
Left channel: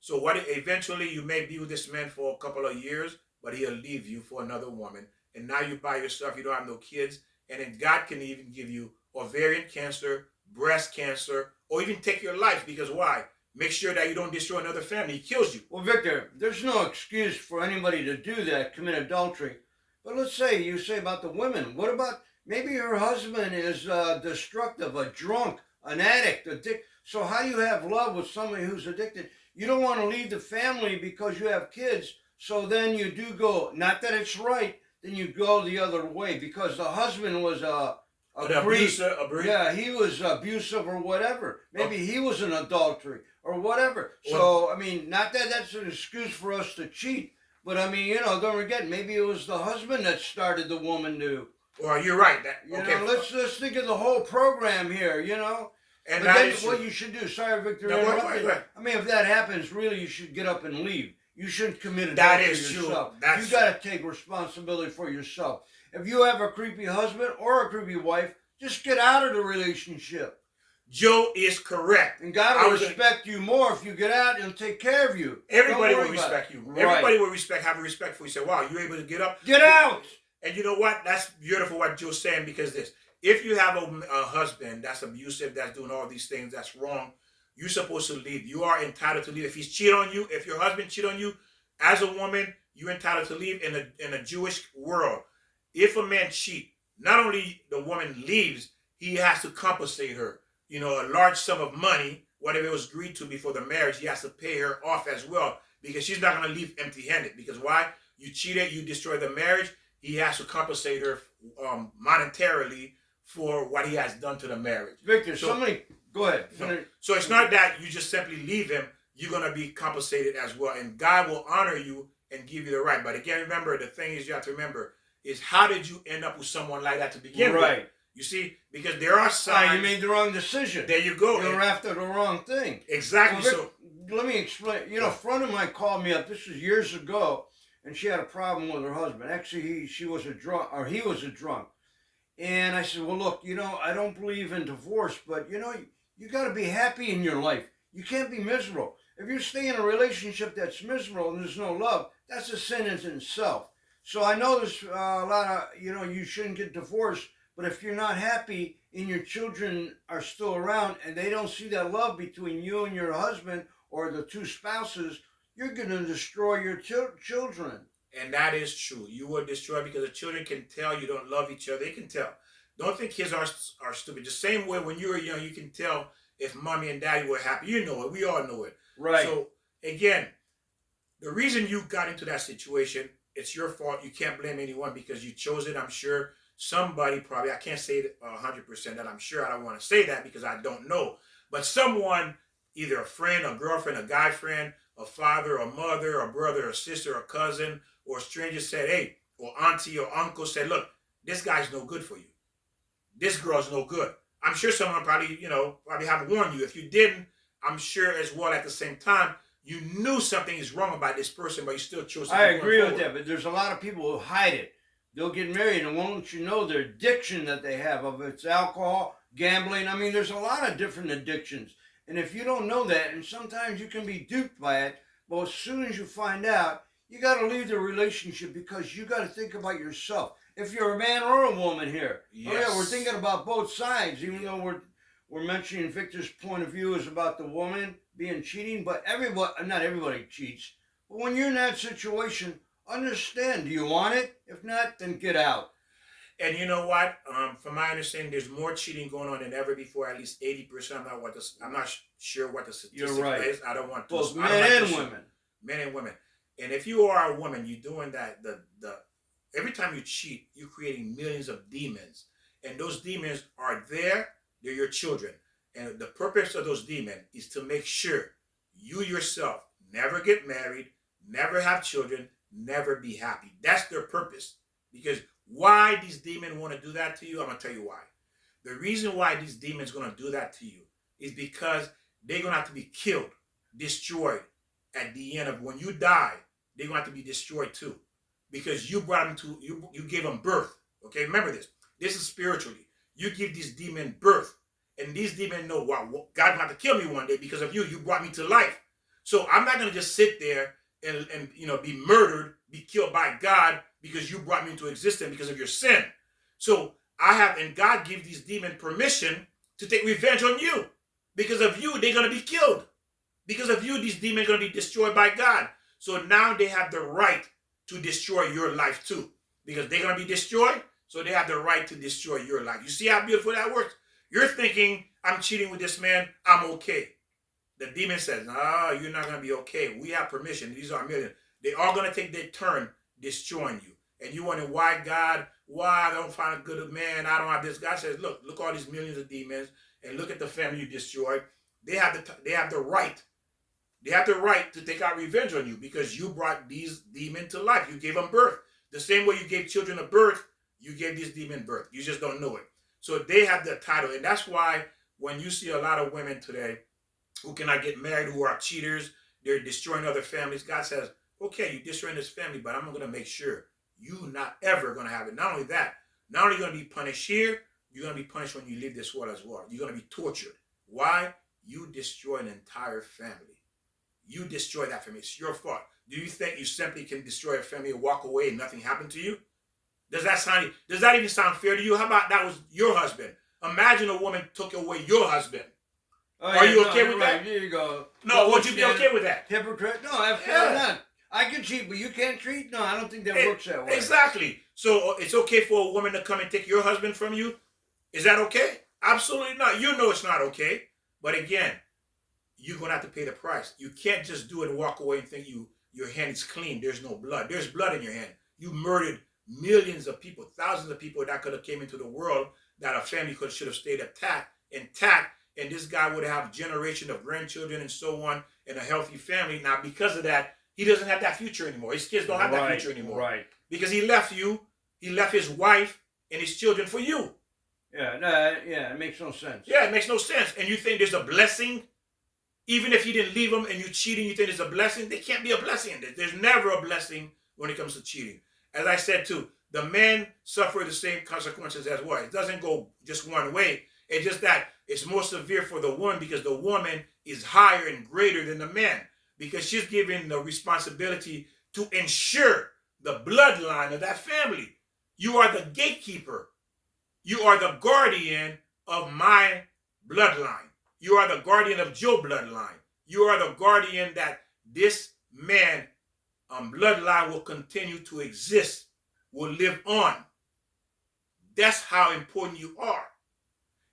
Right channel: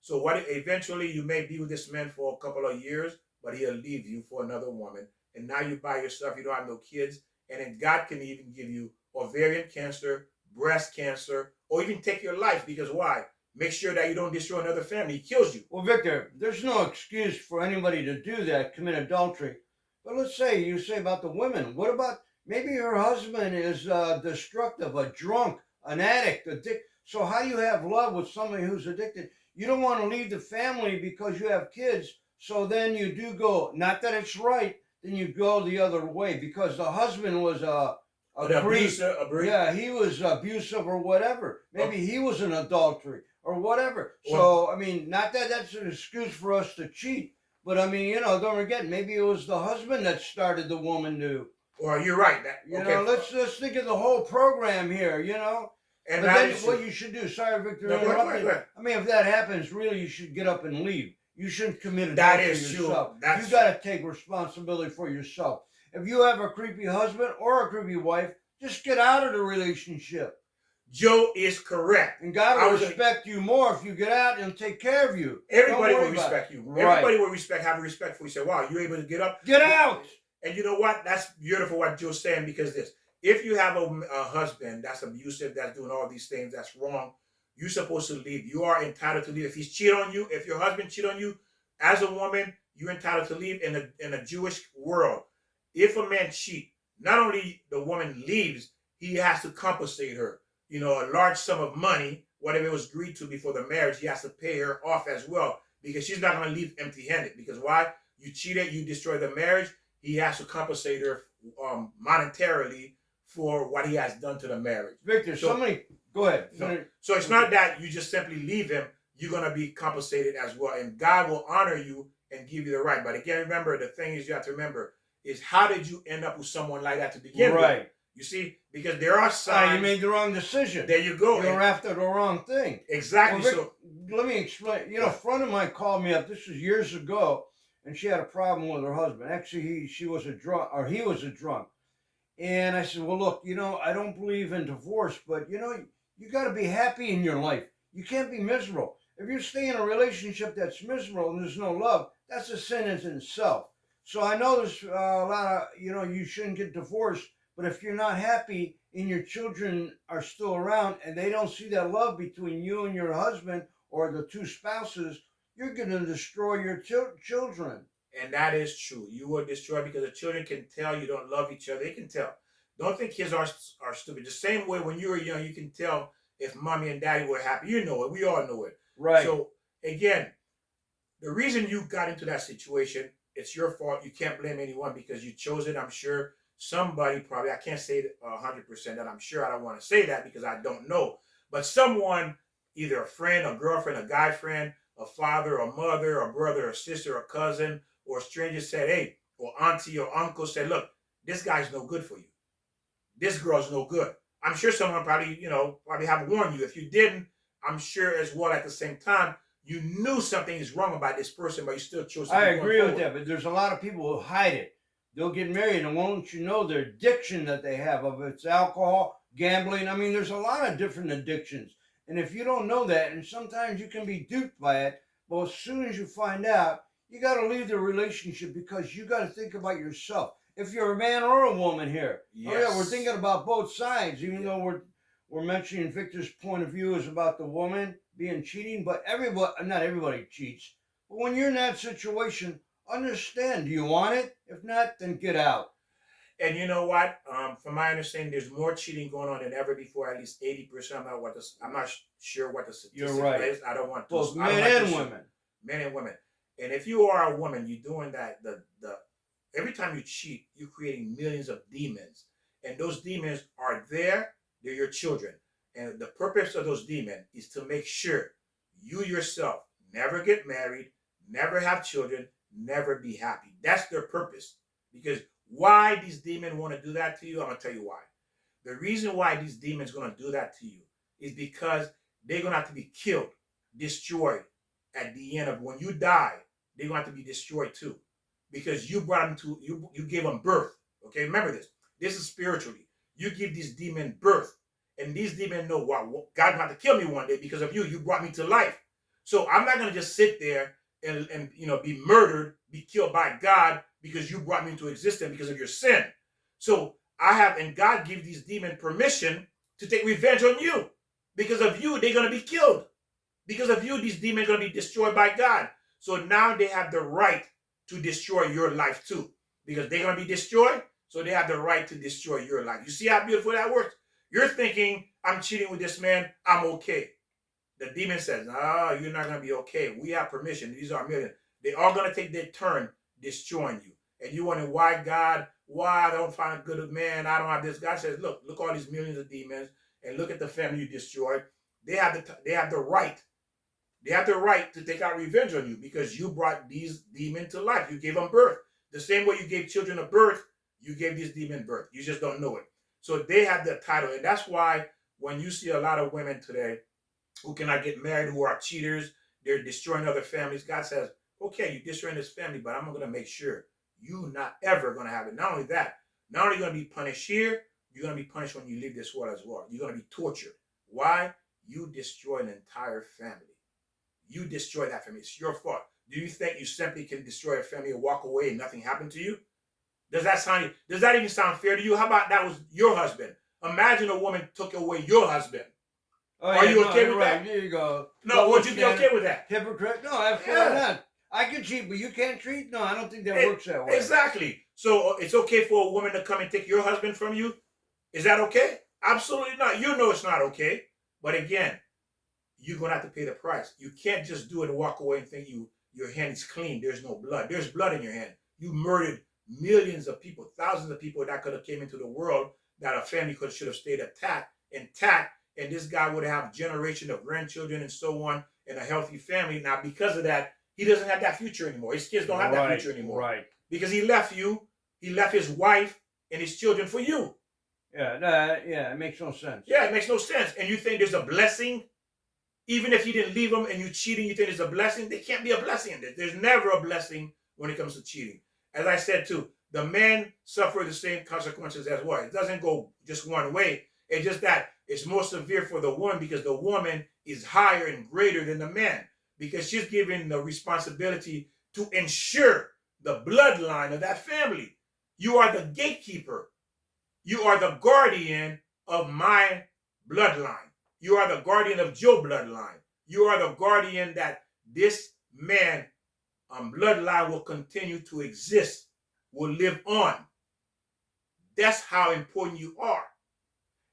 So eventually you may be with this man for a couple of years, but he'll leave you for another woman. And now you're by yourself, you don't have no kids. And then God can even give you ovarian cancer, breast cancer, or even take your life. Because why? Make sure that you don't destroy another family. He kills you. Well, Victor, there's no excuse for anybody to do that, commit adultery. But let's say you say about the women. What about maybe her husband is destructive, a drunk, an addict, So how do you have love with somebody who's addicted? You don't want to leave the family because you have kids. So then you do go, not that it's right, then you go the other way because the husband was abuser. Yeah, he was abusive or whatever. Maybe he was an adultery or whatever. So, I mean, not that that's an excuse for us to cheat, but I mean, don't forget, maybe it was the husband that started the woman to. Well, you're right. Let's think of the whole program here, And but then what you should do, sorry, Victor, interrupted. I mean, if that happens, really, you should get up and leave. You shouldn't commit adultery yourself. You got to take responsibility for yourself. If you have a creepy husband or a creepy wife, just get out of the relationship. Joe is correct. And God will respect you more if you get out and take care of you. Everybody will respect you. Right. Everybody will have respect for you. Say, wow, you're able to get up. Get out. And you know what? That's beautiful what Joe's saying, because if you have a husband that's abusive, that's doing all these things, that's wrong, you're supposed to leave. You are entitled to leave. If he's cheating on you, if your husband cheats on you, as a woman, you're entitled to leave. In a Jewish world, if a man cheats, not only the woman leaves, he has to compensate her. A large sum of money, whatever it was agreed to before the marriage, he has to pay her off as well, because she's not going to leave empty-handed. Because why? You cheated, you destroyed the marriage. He has to compensate her monetarily for what he has done to the marriage. Victor, go ahead. So it's not that you just simply leave him. You're going to be compensated as well. And God will honor you and give you the right. But again, remember, the thing is, you have to remember, is how did you end up with someone like that to begin with? Right. You see, because there are signs. You made the wrong decision. There you go. You're after the wrong thing. Exactly. Well, Rick, let me explain. A friend of mine called me up. This was years ago, and she had a problem with her husband. Actually, he was a drunk. And I said, well, look, I don't believe in divorce, but you got to be happy in your life. You can't be miserable. If you stay in a relationship that's miserable and there's no love, that's a sin in itself. So I know there's a lot of, you shouldn't get divorced, but if you're not happy and your children are still around and they don't see that love between you and your husband or the two spouses, you're going to destroy your children. And that is true. You will destroy, because the children can tell you don't love each other. They can tell. Don't think kids are stupid. The same way when you were young, you can tell if mommy and daddy were happy. You know it. We all know it. Right. So again, the reason you got into that situation, it's your fault. You can't blame anyone because you chose it. I'm sure somebody probably, I can't say 100% that I'm sure. I don't want to say that because I don't know. But someone, either a friend, a girlfriend, a guy friend, a father, a mother, a brother, a sister, a cousin, or a stranger said, hey, or auntie or uncle said, look, this guy's no good for you. This girl's no good. I'm sure someone probably, probably have warned you. If you didn't, I'm sure as well at the same time, you knew something is wrong about this person, but you still chose to I keep going agree with forward. that, but there's a lot of people who hide it. They'll get married and won't you know their addiction that they have, of it's alcohol, gambling. I mean, there's a lot of different addictions. And if you don't know that, and sometimes you can be duped by it, but as soon as you find out, you got to leave the relationship because you got to think about yourself. If you're a man or a woman here, Yes. oh yeah, we're thinking about both sides, even though we're mentioning Victor's point of view is about the woman being cheating, but everybody, not everybody cheats. But when you're in that situation, understand. Do you want it? If not, then get out. And you know what? From my understanding, there's more cheating going on than ever before. At least 80%. I'm not sure what the statistic You're right. is. I don't want to. Both I don't men like and to women. Men and women. And if you are a woman, you're doing that. The every time you cheat, you're creating millions of demons, and those demons are there. They're your children, and the purpose of those demons is to make sure you yourself never get married, never have children, never be happy. That's their purpose. Because why these demons want to do that to you, I'm gonna tell you why. The reason why these demons gonna do that to you is because they're gonna have to be killed, destroyed at the end of when you die. They're gonna have to be destroyed too, because you brought them to you gave them birth. Okay, remember this. This is spiritually. You give these demons birth, and these demons know, wow, God going to kill me one day because of you. You brought me to life, so I'm not gonna just sit there and be murdered, be killed by God because you brought me into existence because of your sin. So and God gives these demons permission to take revenge on you. Because of you, they're gonna be killed. Because of you, these demons are gonna be destroyed by God. So now they have the right to destroy your life too. Because they're gonna be destroyed, so they have the right to destroy your life. You see how beautiful that works? You're thinking, I'm cheating with this man, I'm okay. The demon says, no, you're not going to be okay. We have permission. These are millions. They are going to take their turn destroying you. And you wondering, why God, why I don't find a good man? I don't have this. God says, look all these millions of demons, and look at the family you destroyed. They have the right. They have the right to take out revenge on you because you brought these demons to life. You gave them birth. The same way you gave children a birth, you gave these demons birth. You just don't know it. So they have the title. And that's why when you see a lot of women today who cannot get married, who are cheaters, they're destroying other families. God says, okay, you're destroying this family, but I'm going to make sure you're not ever going to have it. Not only that, not only are you going to be punished here, you're going to be punished when you leave this world as well. You're going to be tortured. Why? You destroy an entire family. You destroy that family. It's your fault. Do you think you simply can destroy a family and walk away and nothing happened to you? Does that even sound fair to you? How about that was your husband? Imagine a woman took away your husband. Oh, Are yeah, you okay with right. that? There you go. No, would you be okay with that? Hypocrite? No, absolutely not. I can cheat, but you can't treat? No, I don't think that works that way. Exactly. So it's okay for a woman to come and take your husband from you? Is that okay? Absolutely not. You know it's not okay. But again, you're going to have to pay the price. You can't just do it and walk away and think your hand is clean. There's no blood. There's blood in your hand. You murdered millions of people, thousands of people that could have came into the world that a family should have stayed intact, and this guy would have generations of grandchildren and so on, and a healthy family. Now, because of that, he doesn't have that future anymore. His kids don't have that future anymore. Right. Because he left you, he left his wife and his children for you. Yeah, it makes no sense. Yeah, it makes no sense. And you think there's a blessing? Even if you didn't leave them and you're cheating, you think there's a blessing? There can't be a blessing. There's never a blessing when it comes to cheating. As I said too, the men suffer the same consequences as well. It doesn't go just one way. It's just that it's more severe for the woman because the woman is higher and greater than the man because she's given the responsibility to ensure the bloodline of that family. You are the gatekeeper. You are the guardian of my bloodline. You are the guardian of your bloodline. You are the guardian that this man bloodline will continue to exist, will live on. That's how important you are.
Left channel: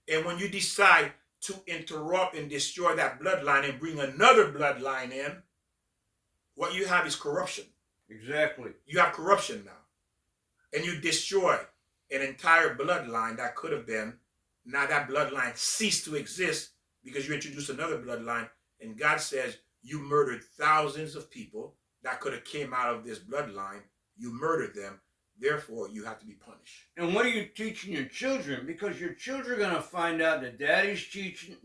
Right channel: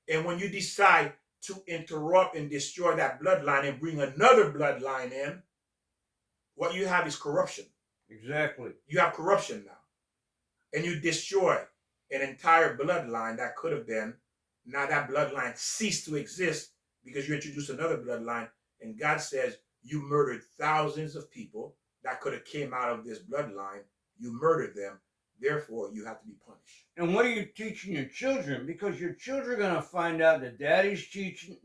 And when you decide to interrupt and destroy that bloodline and bring another bloodline in, what you have is corruption. Exactly. You have corruption now. And you destroy an entire bloodline that could have been. Now that bloodline ceased to exist because you introduced another bloodline. And God says you murdered thousands of people that could have came out of this bloodline. You murdered them. Therefore, you have to be punished. And what are you teaching your children? Because your children are going to find out that daddy's cheating.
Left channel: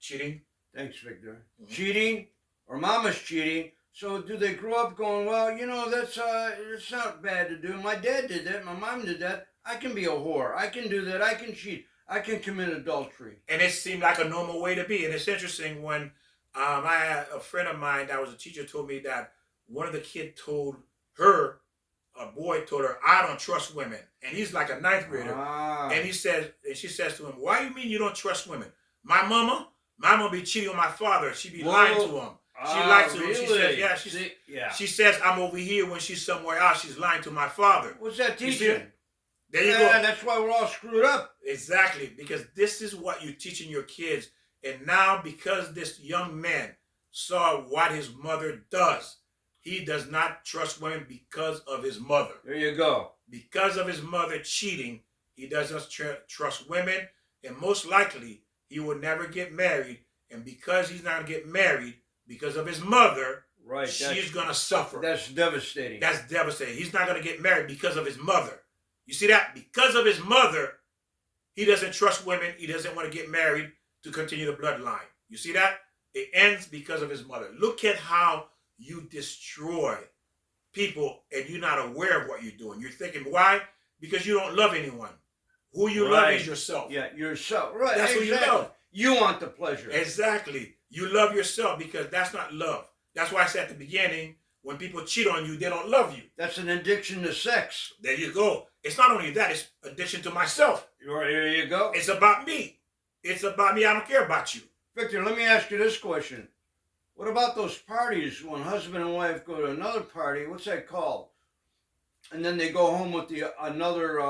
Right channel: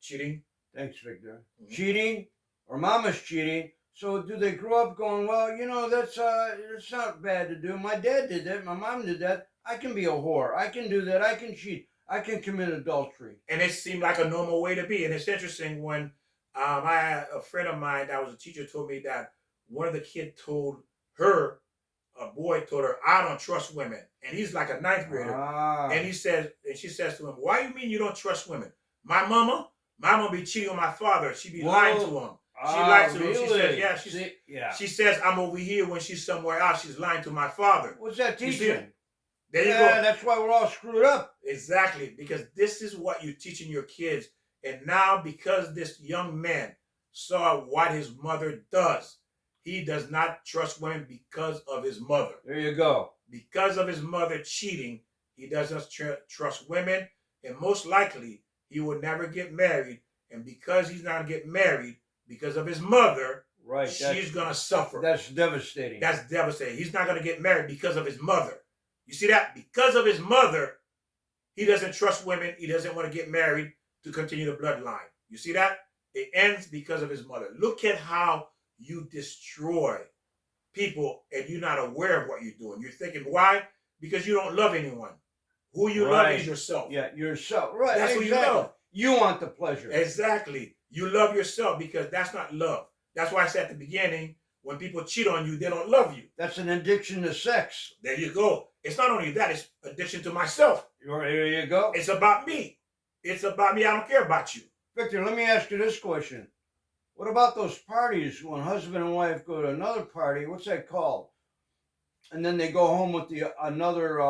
Cheating. Thanks, Victor. Mm-hmm. Cheating, or mama's cheating. So do they grow up going, well, you know, that's it's not bad to do. My dad did that. My mom did that. I can be a whore. I can do that. I can cheat. I can commit adultery. And it seemed like a normal way to be. And it's interesting when I had a friend of mine that was a teacher told me that one of the kids told her, a boy told her, I don't trust women. And he's like a ninth grader. And she says to him, why you mean you don't trust women? My mama be cheating on my father. She be lying to him. She lies to him. Really? She says, She says, I'm over here when she's somewhere else. She's lying to my father. What's that teaching? There you go. That's why we're all screwed up. Exactly. Because this is what you're teaching your kids. And now because this young man saw what his mother does, he does not trust women because of his mother. There you go. Because of his mother cheating, he doesn't trust women. And most likely, he will never get married. And because he's not going to get married, because of his mother, right, she's going to suffer. That's devastating. That's devastating. He's not going to get married because of his mother. You see that? Because of his mother, he doesn't trust women. He doesn't want to get married to continue the bloodline. You see that? It ends because of his mother. Look at how you destroy people and you're not aware of what you're doing. You're thinking, why? Because you don't love anyone. Who you love is yourself. Yeah, yourself. Right. That's exactly. who you love. You want the pleasure. Exactly. You love yourself because that's not love. That's why I said at the beginning, when people cheat on you, they don't love you. That's an addiction to sex. There you go. It's not only that, it's addiction to myself. There you go. It's about me. It's about me. I don't care about you. Victor, let me ask you this question. What about those parties when husband and wife go to another party? What's that called? And then they go home with another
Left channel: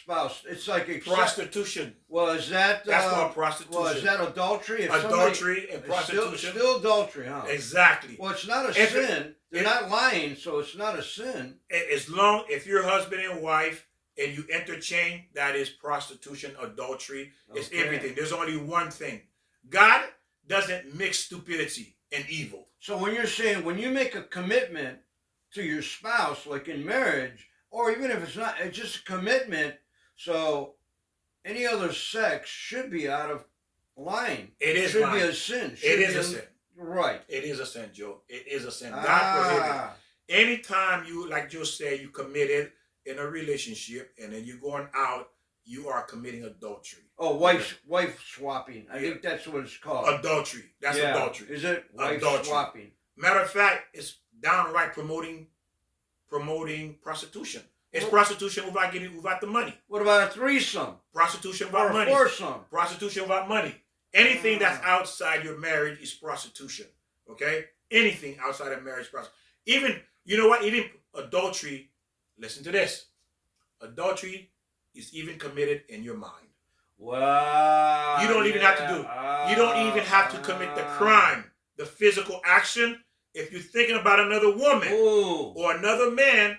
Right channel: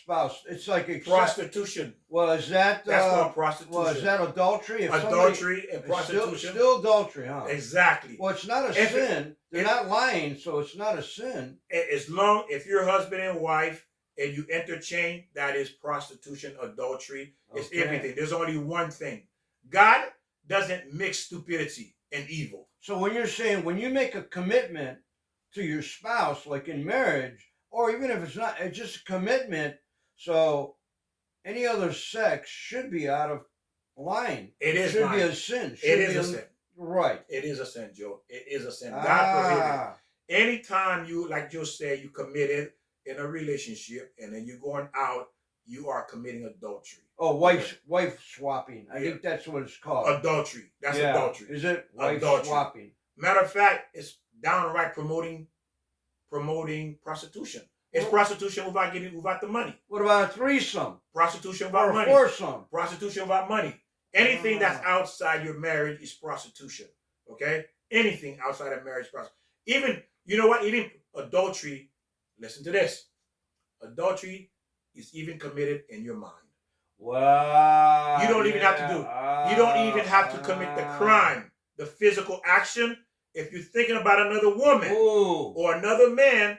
spouse. It's like prostitution. Well, is that that's called prostitution? Well, is that adultery? Adultery and prostitution. Still adultery, huh? Exactly. Well, it's not a sin. They're not lying, so it's not a sin. As long if you're husband and wife and you interchange, that is prostitution, adultery. It's everything. There's only one thing. God doesn't mix stupidity and evil. So when you're saying when you make a commitment to your spouse, like in marriage, or even if it's not, it's just a commitment. So any other sex should be out of line. It should be a sin. It is a sin. Right. It is a sin, Joe. It is a sin. God prohibited. Anytime you, like Joe said, you committed in a relationship and then you're going out, you are committing adultery. Oh, wife swapping. I think that's what it's called. Adultery. That's adultery. Is it? Wife swapping. Matter of fact, it's downright promoting prostitution. It's prostitution without the money. What about a threesome? Prostitution without money. Or a foursome. Prostitution without money. Anything that's outside your marriage is prostitution. Okay? Anything outside of marriage is prostitution. Even, you know what? Even adultery, listen to this. Adultery is even committed in your mind. Wow. You don't even have to do. You don't even have to commit the crime, the physical action. If you're thinking about another woman or another man,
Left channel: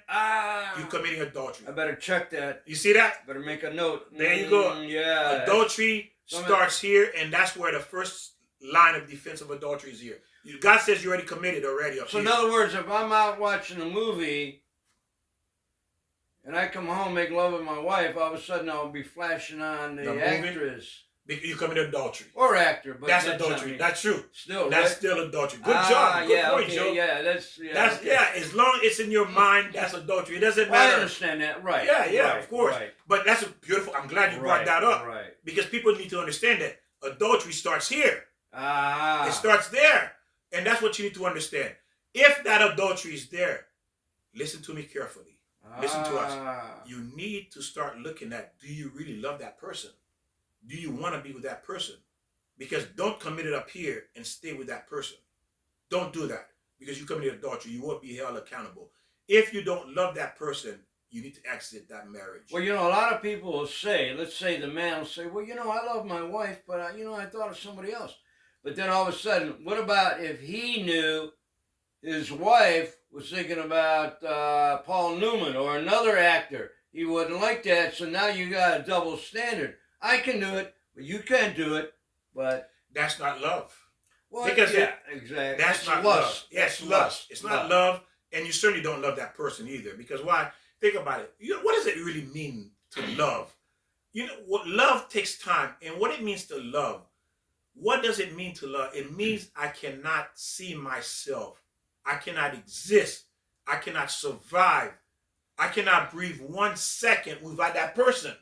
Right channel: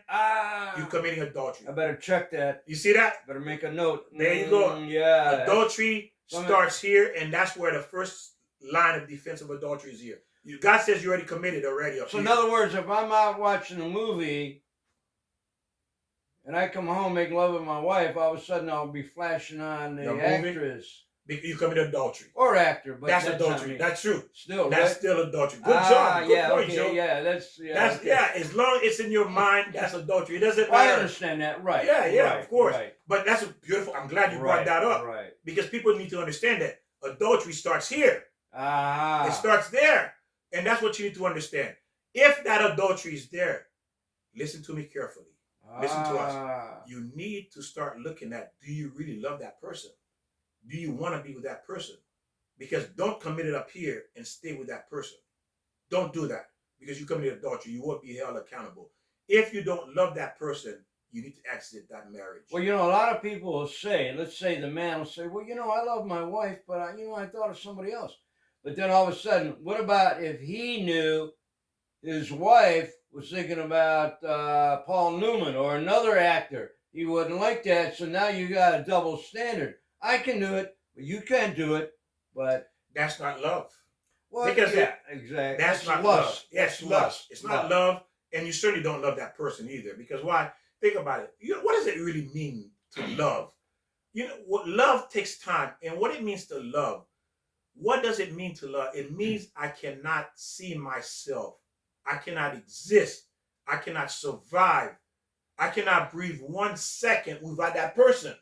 you're committing adultery. I better check that. You see that? Better make a note. There you go. Yeah. Adultery starts here, and that's where the first line of defense of adultery is here. God says you already committed already. So in other words, if I'm out watching a movie and I come home, make love with my wife, all of a sudden I'll be flashing on the actress. You committed adultery. Or actor, but that's adultery. That's true. Still, that's still adultery. Good job. Good point, Joe. Yeah, that's as long as it's in your mind, that's adultery. It doesn't matter. I understand that, right? Yeah, of course. Right. But that's a beautiful. I'm glad you brought that up, right? Because people need to understand that adultery starts here. It starts there, and that's what you need to understand. If that adultery is there, listen to me carefully. Listen to us. You need to start looking at: do you really love that person? Do you want to be with that person? Because don't commit it up here and stay with that person. Don't do that because you committed adultery. You won't be held accountable. If you don't love that person, you need to exit that marriage. Well, a lot of people will say, let's say the man will say, well, I love my wife, but I thought of somebody else. But then all of a sudden, what about if he knew his wife was thinking about Paul Newman or another actor? He wouldn't like that. So now you got a double standard. I can do it, but you can't do it. But That's not love. well, Because yeah, exactly. that's not lust. love. Yes, That's lust. It's not lust. love, and you certainly don't love that person either. Because why? Think about it. What does it really mean to love? What love takes time, and what it means to love. What does it mean to love? It means I cannot see myself. I cannot exist. I cannot survive. I cannot breathe 1 second without that person.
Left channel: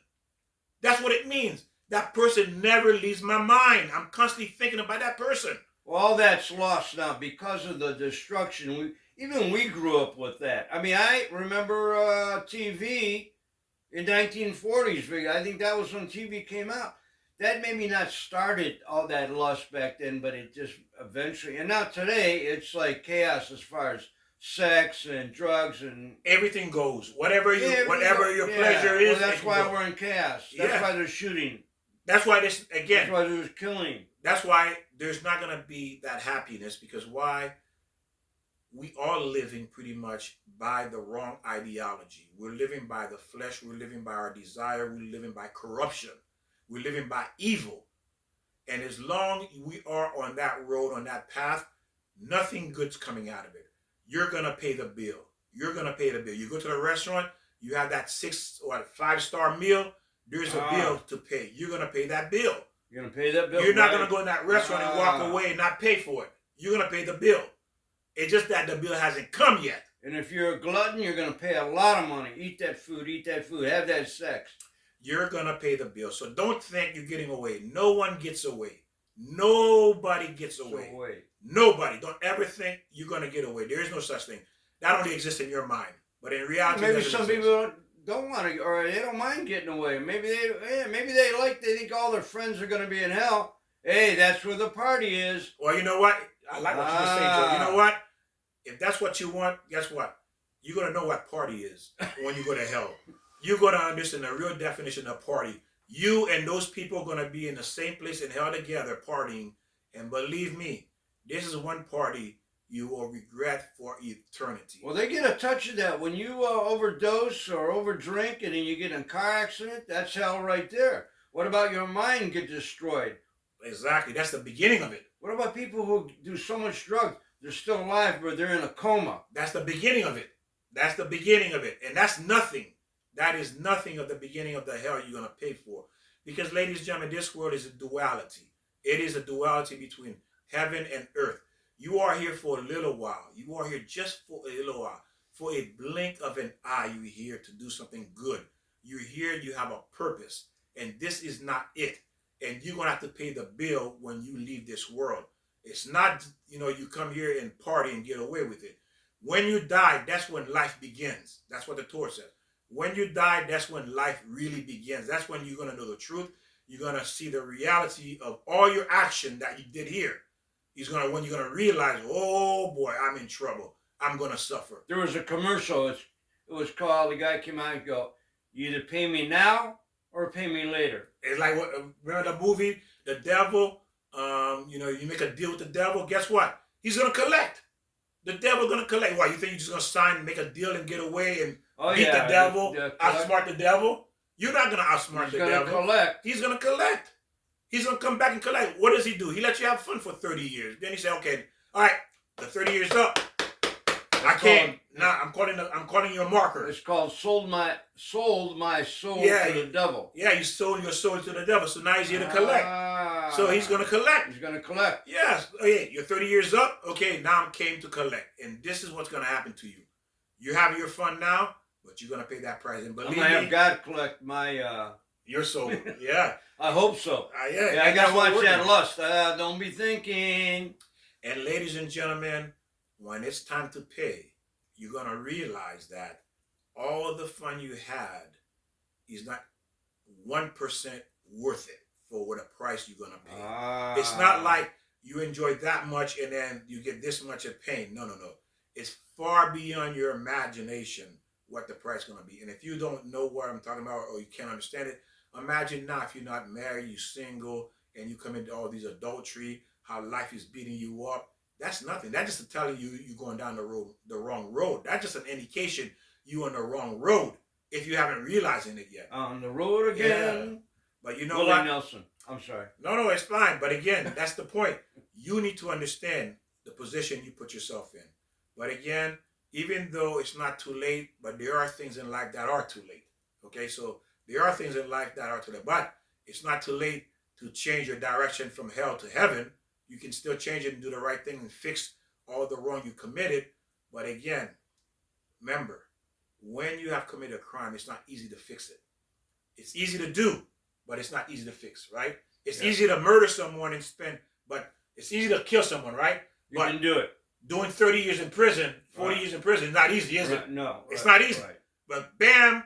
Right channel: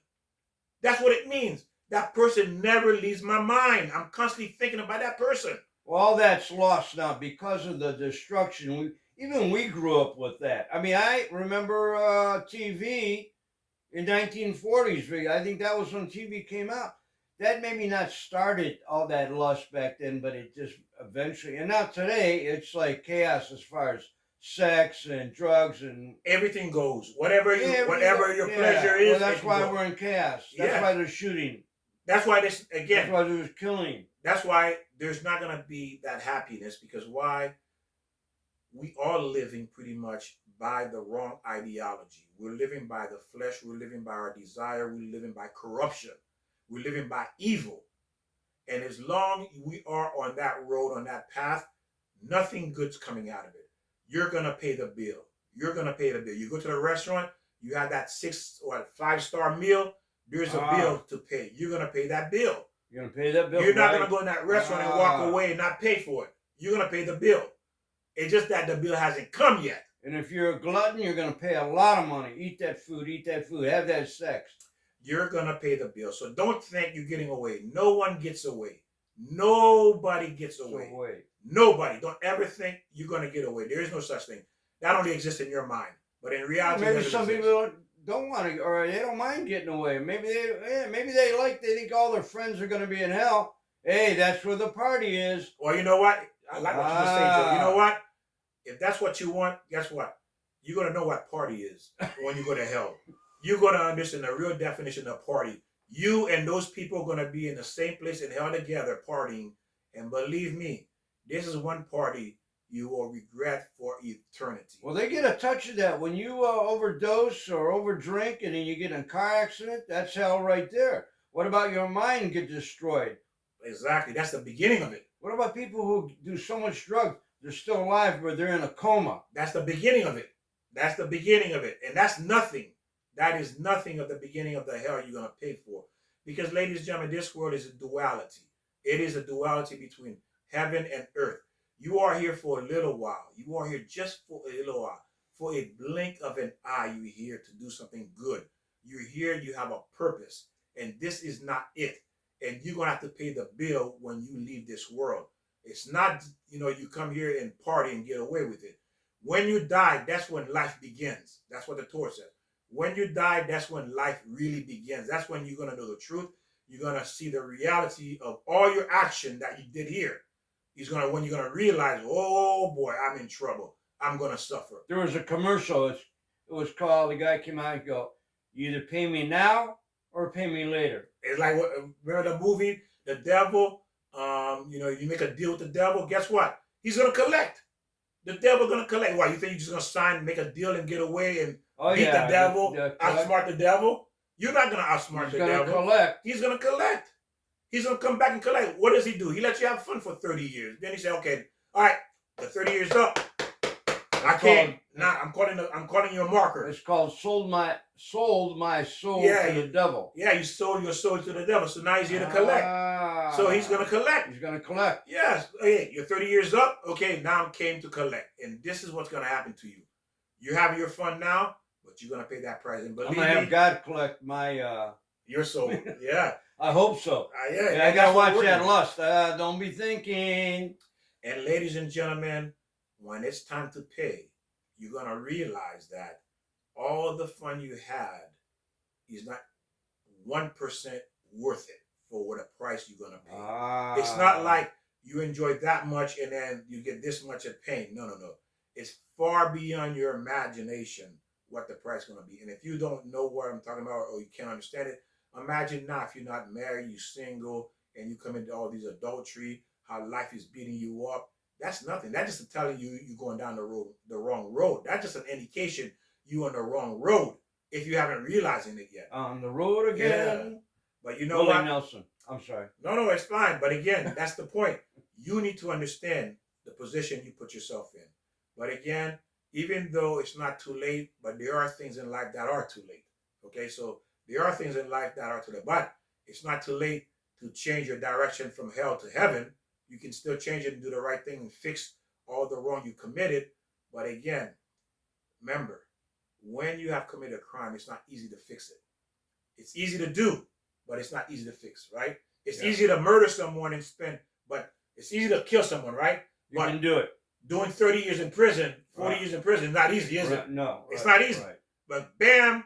That's what it means. That person never leaves my mind. I'm constantly thinking about that person. Well, all that's lost now because of the destruction. We grew up with that. I mean, I remember TV in 1940s. I think that was when TV came out. That maybe not started all that lust back then, but it just eventually. And now today, it's like chaos as far as sex and drugs and Everything goes. Whatever your pleasure is. Well, that's why we're in chaos. That's why they're shooting. That's why this That's why there's killing. That's why there's not gonna be that happiness, because why? We are living pretty much by the wrong ideology. We're living by the flesh. We're living by our desire. We're living by corruption. We're living by evil. And as long we are on that road, on that path, nothing good's coming out of it. You're going to pay the bill. You're going to pay the bill. You go to the restaurant, you have that 6 or 5-star meal, there's a bill to pay. You're going to pay that bill. You're going to pay that bill. You're not going to go in that restaurant and walk away and not pay for it. You're going to pay the bill. It's just that the bill hasn't come yet. And if you're a glutton, you're going to pay a lot of money. Eat that food, have that sex. You're going to pay the bill. So don't think you're getting away. No one gets away. Nobody gets away. Nobody. Don't ever think you're going to get away. There is no such thing. That only exists in your mind. But in reality, maybe some people don't want to, or they don't mind getting away. Maybe they think all their friends are going to be in hell. Hey, that's where the party is. Well, you know what? I like what you just saying, Joe. You know what? If that's what you want, guess what? You're going to know what party is when you go to hell. You're going to understand the real definition of party. You and those people are going to be in the same place in hell together partying. And believe me, this is one party you will regret for eternity. Well, they get a touch of that. When you overdose or overdrink and then you get in a car accident, that's hell right there. What about your mind get destroyed? Exactly. That's the beginning of it. What about people who do so much drugs, they're still alive, but they're in a coma? That's the beginning of it. That's the beginning of it. And that's nothing. That is nothing of the beginning of the hell you're going to pay for. Because, ladies and gentlemen, this world is a duality. It is a duality between heaven and earth. You are here for a little while. You are here just for a little while. For a blink of an eye, you're here to do something good. You're here, you have a purpose. And this is not it. And you're going to have to pay the bill when you leave this world. It's not, you come here and party and get away with it. When you die, that's when life begins. That's what the Torah says. When you die, that's when life really begins. That's when you're going to know the truth. You're going to see the reality of all your action that you did here. When you're going to realize, oh boy, I'm in trouble. I'm going to suffer. There was a commercial. It was called, the guy came out and go, you either pay me now or pay me later. It's like, remember the movie, The Devil? You make a deal with the devil. Guess what? He's going to collect. The devil going to collect. Why, you think you're just going to sign, make a deal and get away and beat the devil, outsmart the devil? You're not going to outsmart the devil. He's going to collect. He's going to collect. He's going to come back and collect. What does he do? He lets you have fun for 30 years. Then he said, okay, all right, the 30 years up. I can't. Nah, I'm calling you a marker. It's called sold my soul to the devil. Yeah, you sold your soul to the devil. So now he's here to collect. So he's going to collect. He's going to collect. Yes. Hey, you're 30 years up. Okay, now I'm came to collect. And this is what's going to happen to you. You're having your fun now, but you're going to pay that price. And believe me, I'm going to have God collect my... your soul. Yeah. I hope so. Yeah, I got to watch that lust. Don't be thinking. And ladies and gentlemen, when it's time to pay, you're going to realize that all the fun you had is not 1% worth it for what a price you're going to pay. It's not like you enjoy that much and then you get this much of pain. No. It's far beyond your imagination what the price is going to be. And if you don't know what I'm talking about or you can't understand it, imagine now if you're not married, you're single, and you come into all these adultery, how life is beating you up. That's nothing. That's just telling you you're going down the wrong road. That's just an indication you're on the wrong road if you haven't realizing it yet. On the road again. Yeah. But you know Willie what? Nelson. I'm sorry. No, it's fine. But again, that's the point. You need to understand the position you put yourself in. But again, even though it's not too late, but there are things in life that are too late. Okay, so there are things in life that are too late. But it's not too late to change your direction from hell to heaven. You can still change it and do the right thing and fix all the wrong you committed. But again, remember, when you have committed a crime, it's not easy to fix it. It's easy to do, but it's not easy to fix, right? It's easy to murder someone and spend, but it's easy to kill someone, right? You can do it. Doing 30 years in prison, 40 years in prison is not easy, is it? No. It's not easy. But bam,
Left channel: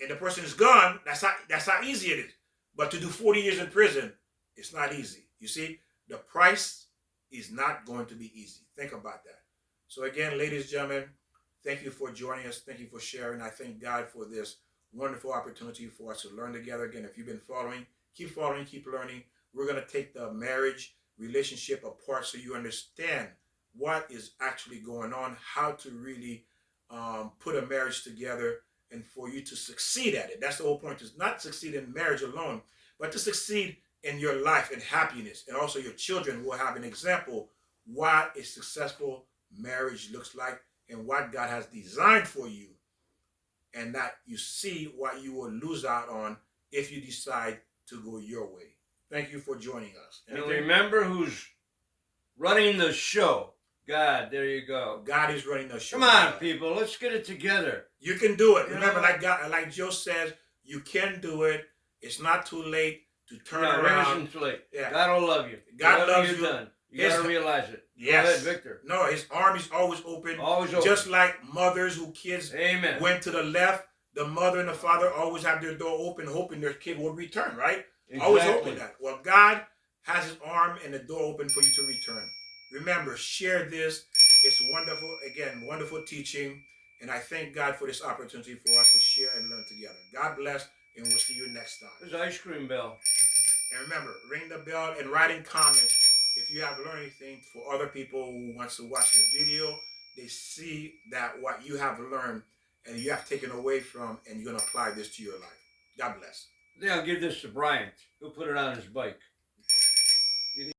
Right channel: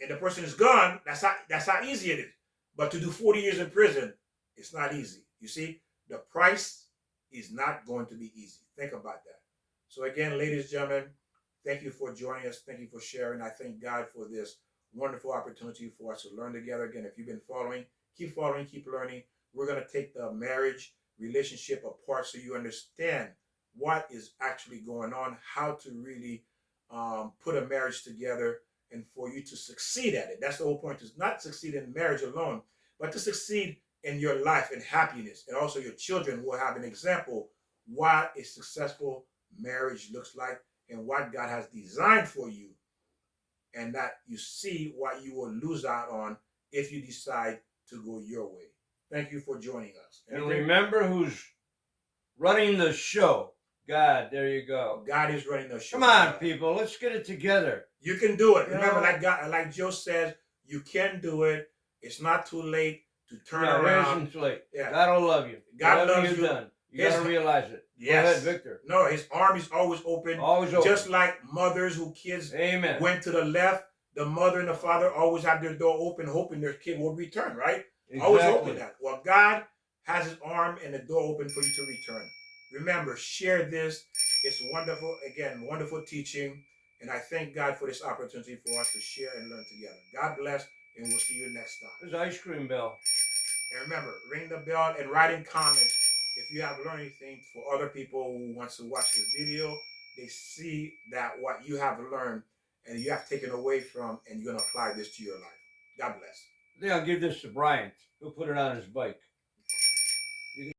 and the person is gone, that's how easy it is. But to do 40 years in prison, it's not easy. You see, the price is not going to be easy. Think about that. So again, ladies and gentlemen, thank you for joining us. Thank you for sharing. I thank God for this wonderful opportunity for us to learn together. Again, if you've been following, keep learning. We're going to take the marriage relationship apart so you understand what is actually going on, how to really put a marriage together, and for you to succeed at it. That's the whole point, is not succeed in marriage alone, but to succeed in your life and happiness. And also your children will have an example what a successful marriage looks like and what God has designed for you. And that you see what you will lose out on if you decide to go your way. Thank you for joining us. And remember who's running the show. God, there you go. God is running the show. Come on, people, let's get it together. You can do it. Remember, like Joe says, you can do it. It's not too late to turn around. It isn't too late. Yeah. God will love you. God loves you. Done. You got to realize it. Yes. Go ahead, Victor. No, his arm is always open. Always open. Just like mothers who kids went to the left, the mother and the father always have their door open, hoping their kid will return, right? Exactly. Always hoping that. Well, God has his arm and the door open for you to return. Remember, share this. It's wonderful. Again, wonderful teaching. And I thank God for this opportunity for us to share and learn together. God bless, and we'll see you next time. There's ice cream bell. And remember, ring the bell and write in comments if you have learned anything for other people who wants to watch this video. They see that what you have learned and you have taken away from, and you're going to apply this to your life. God bless. I think I'll give this to Bryant. He'll put it on his bike.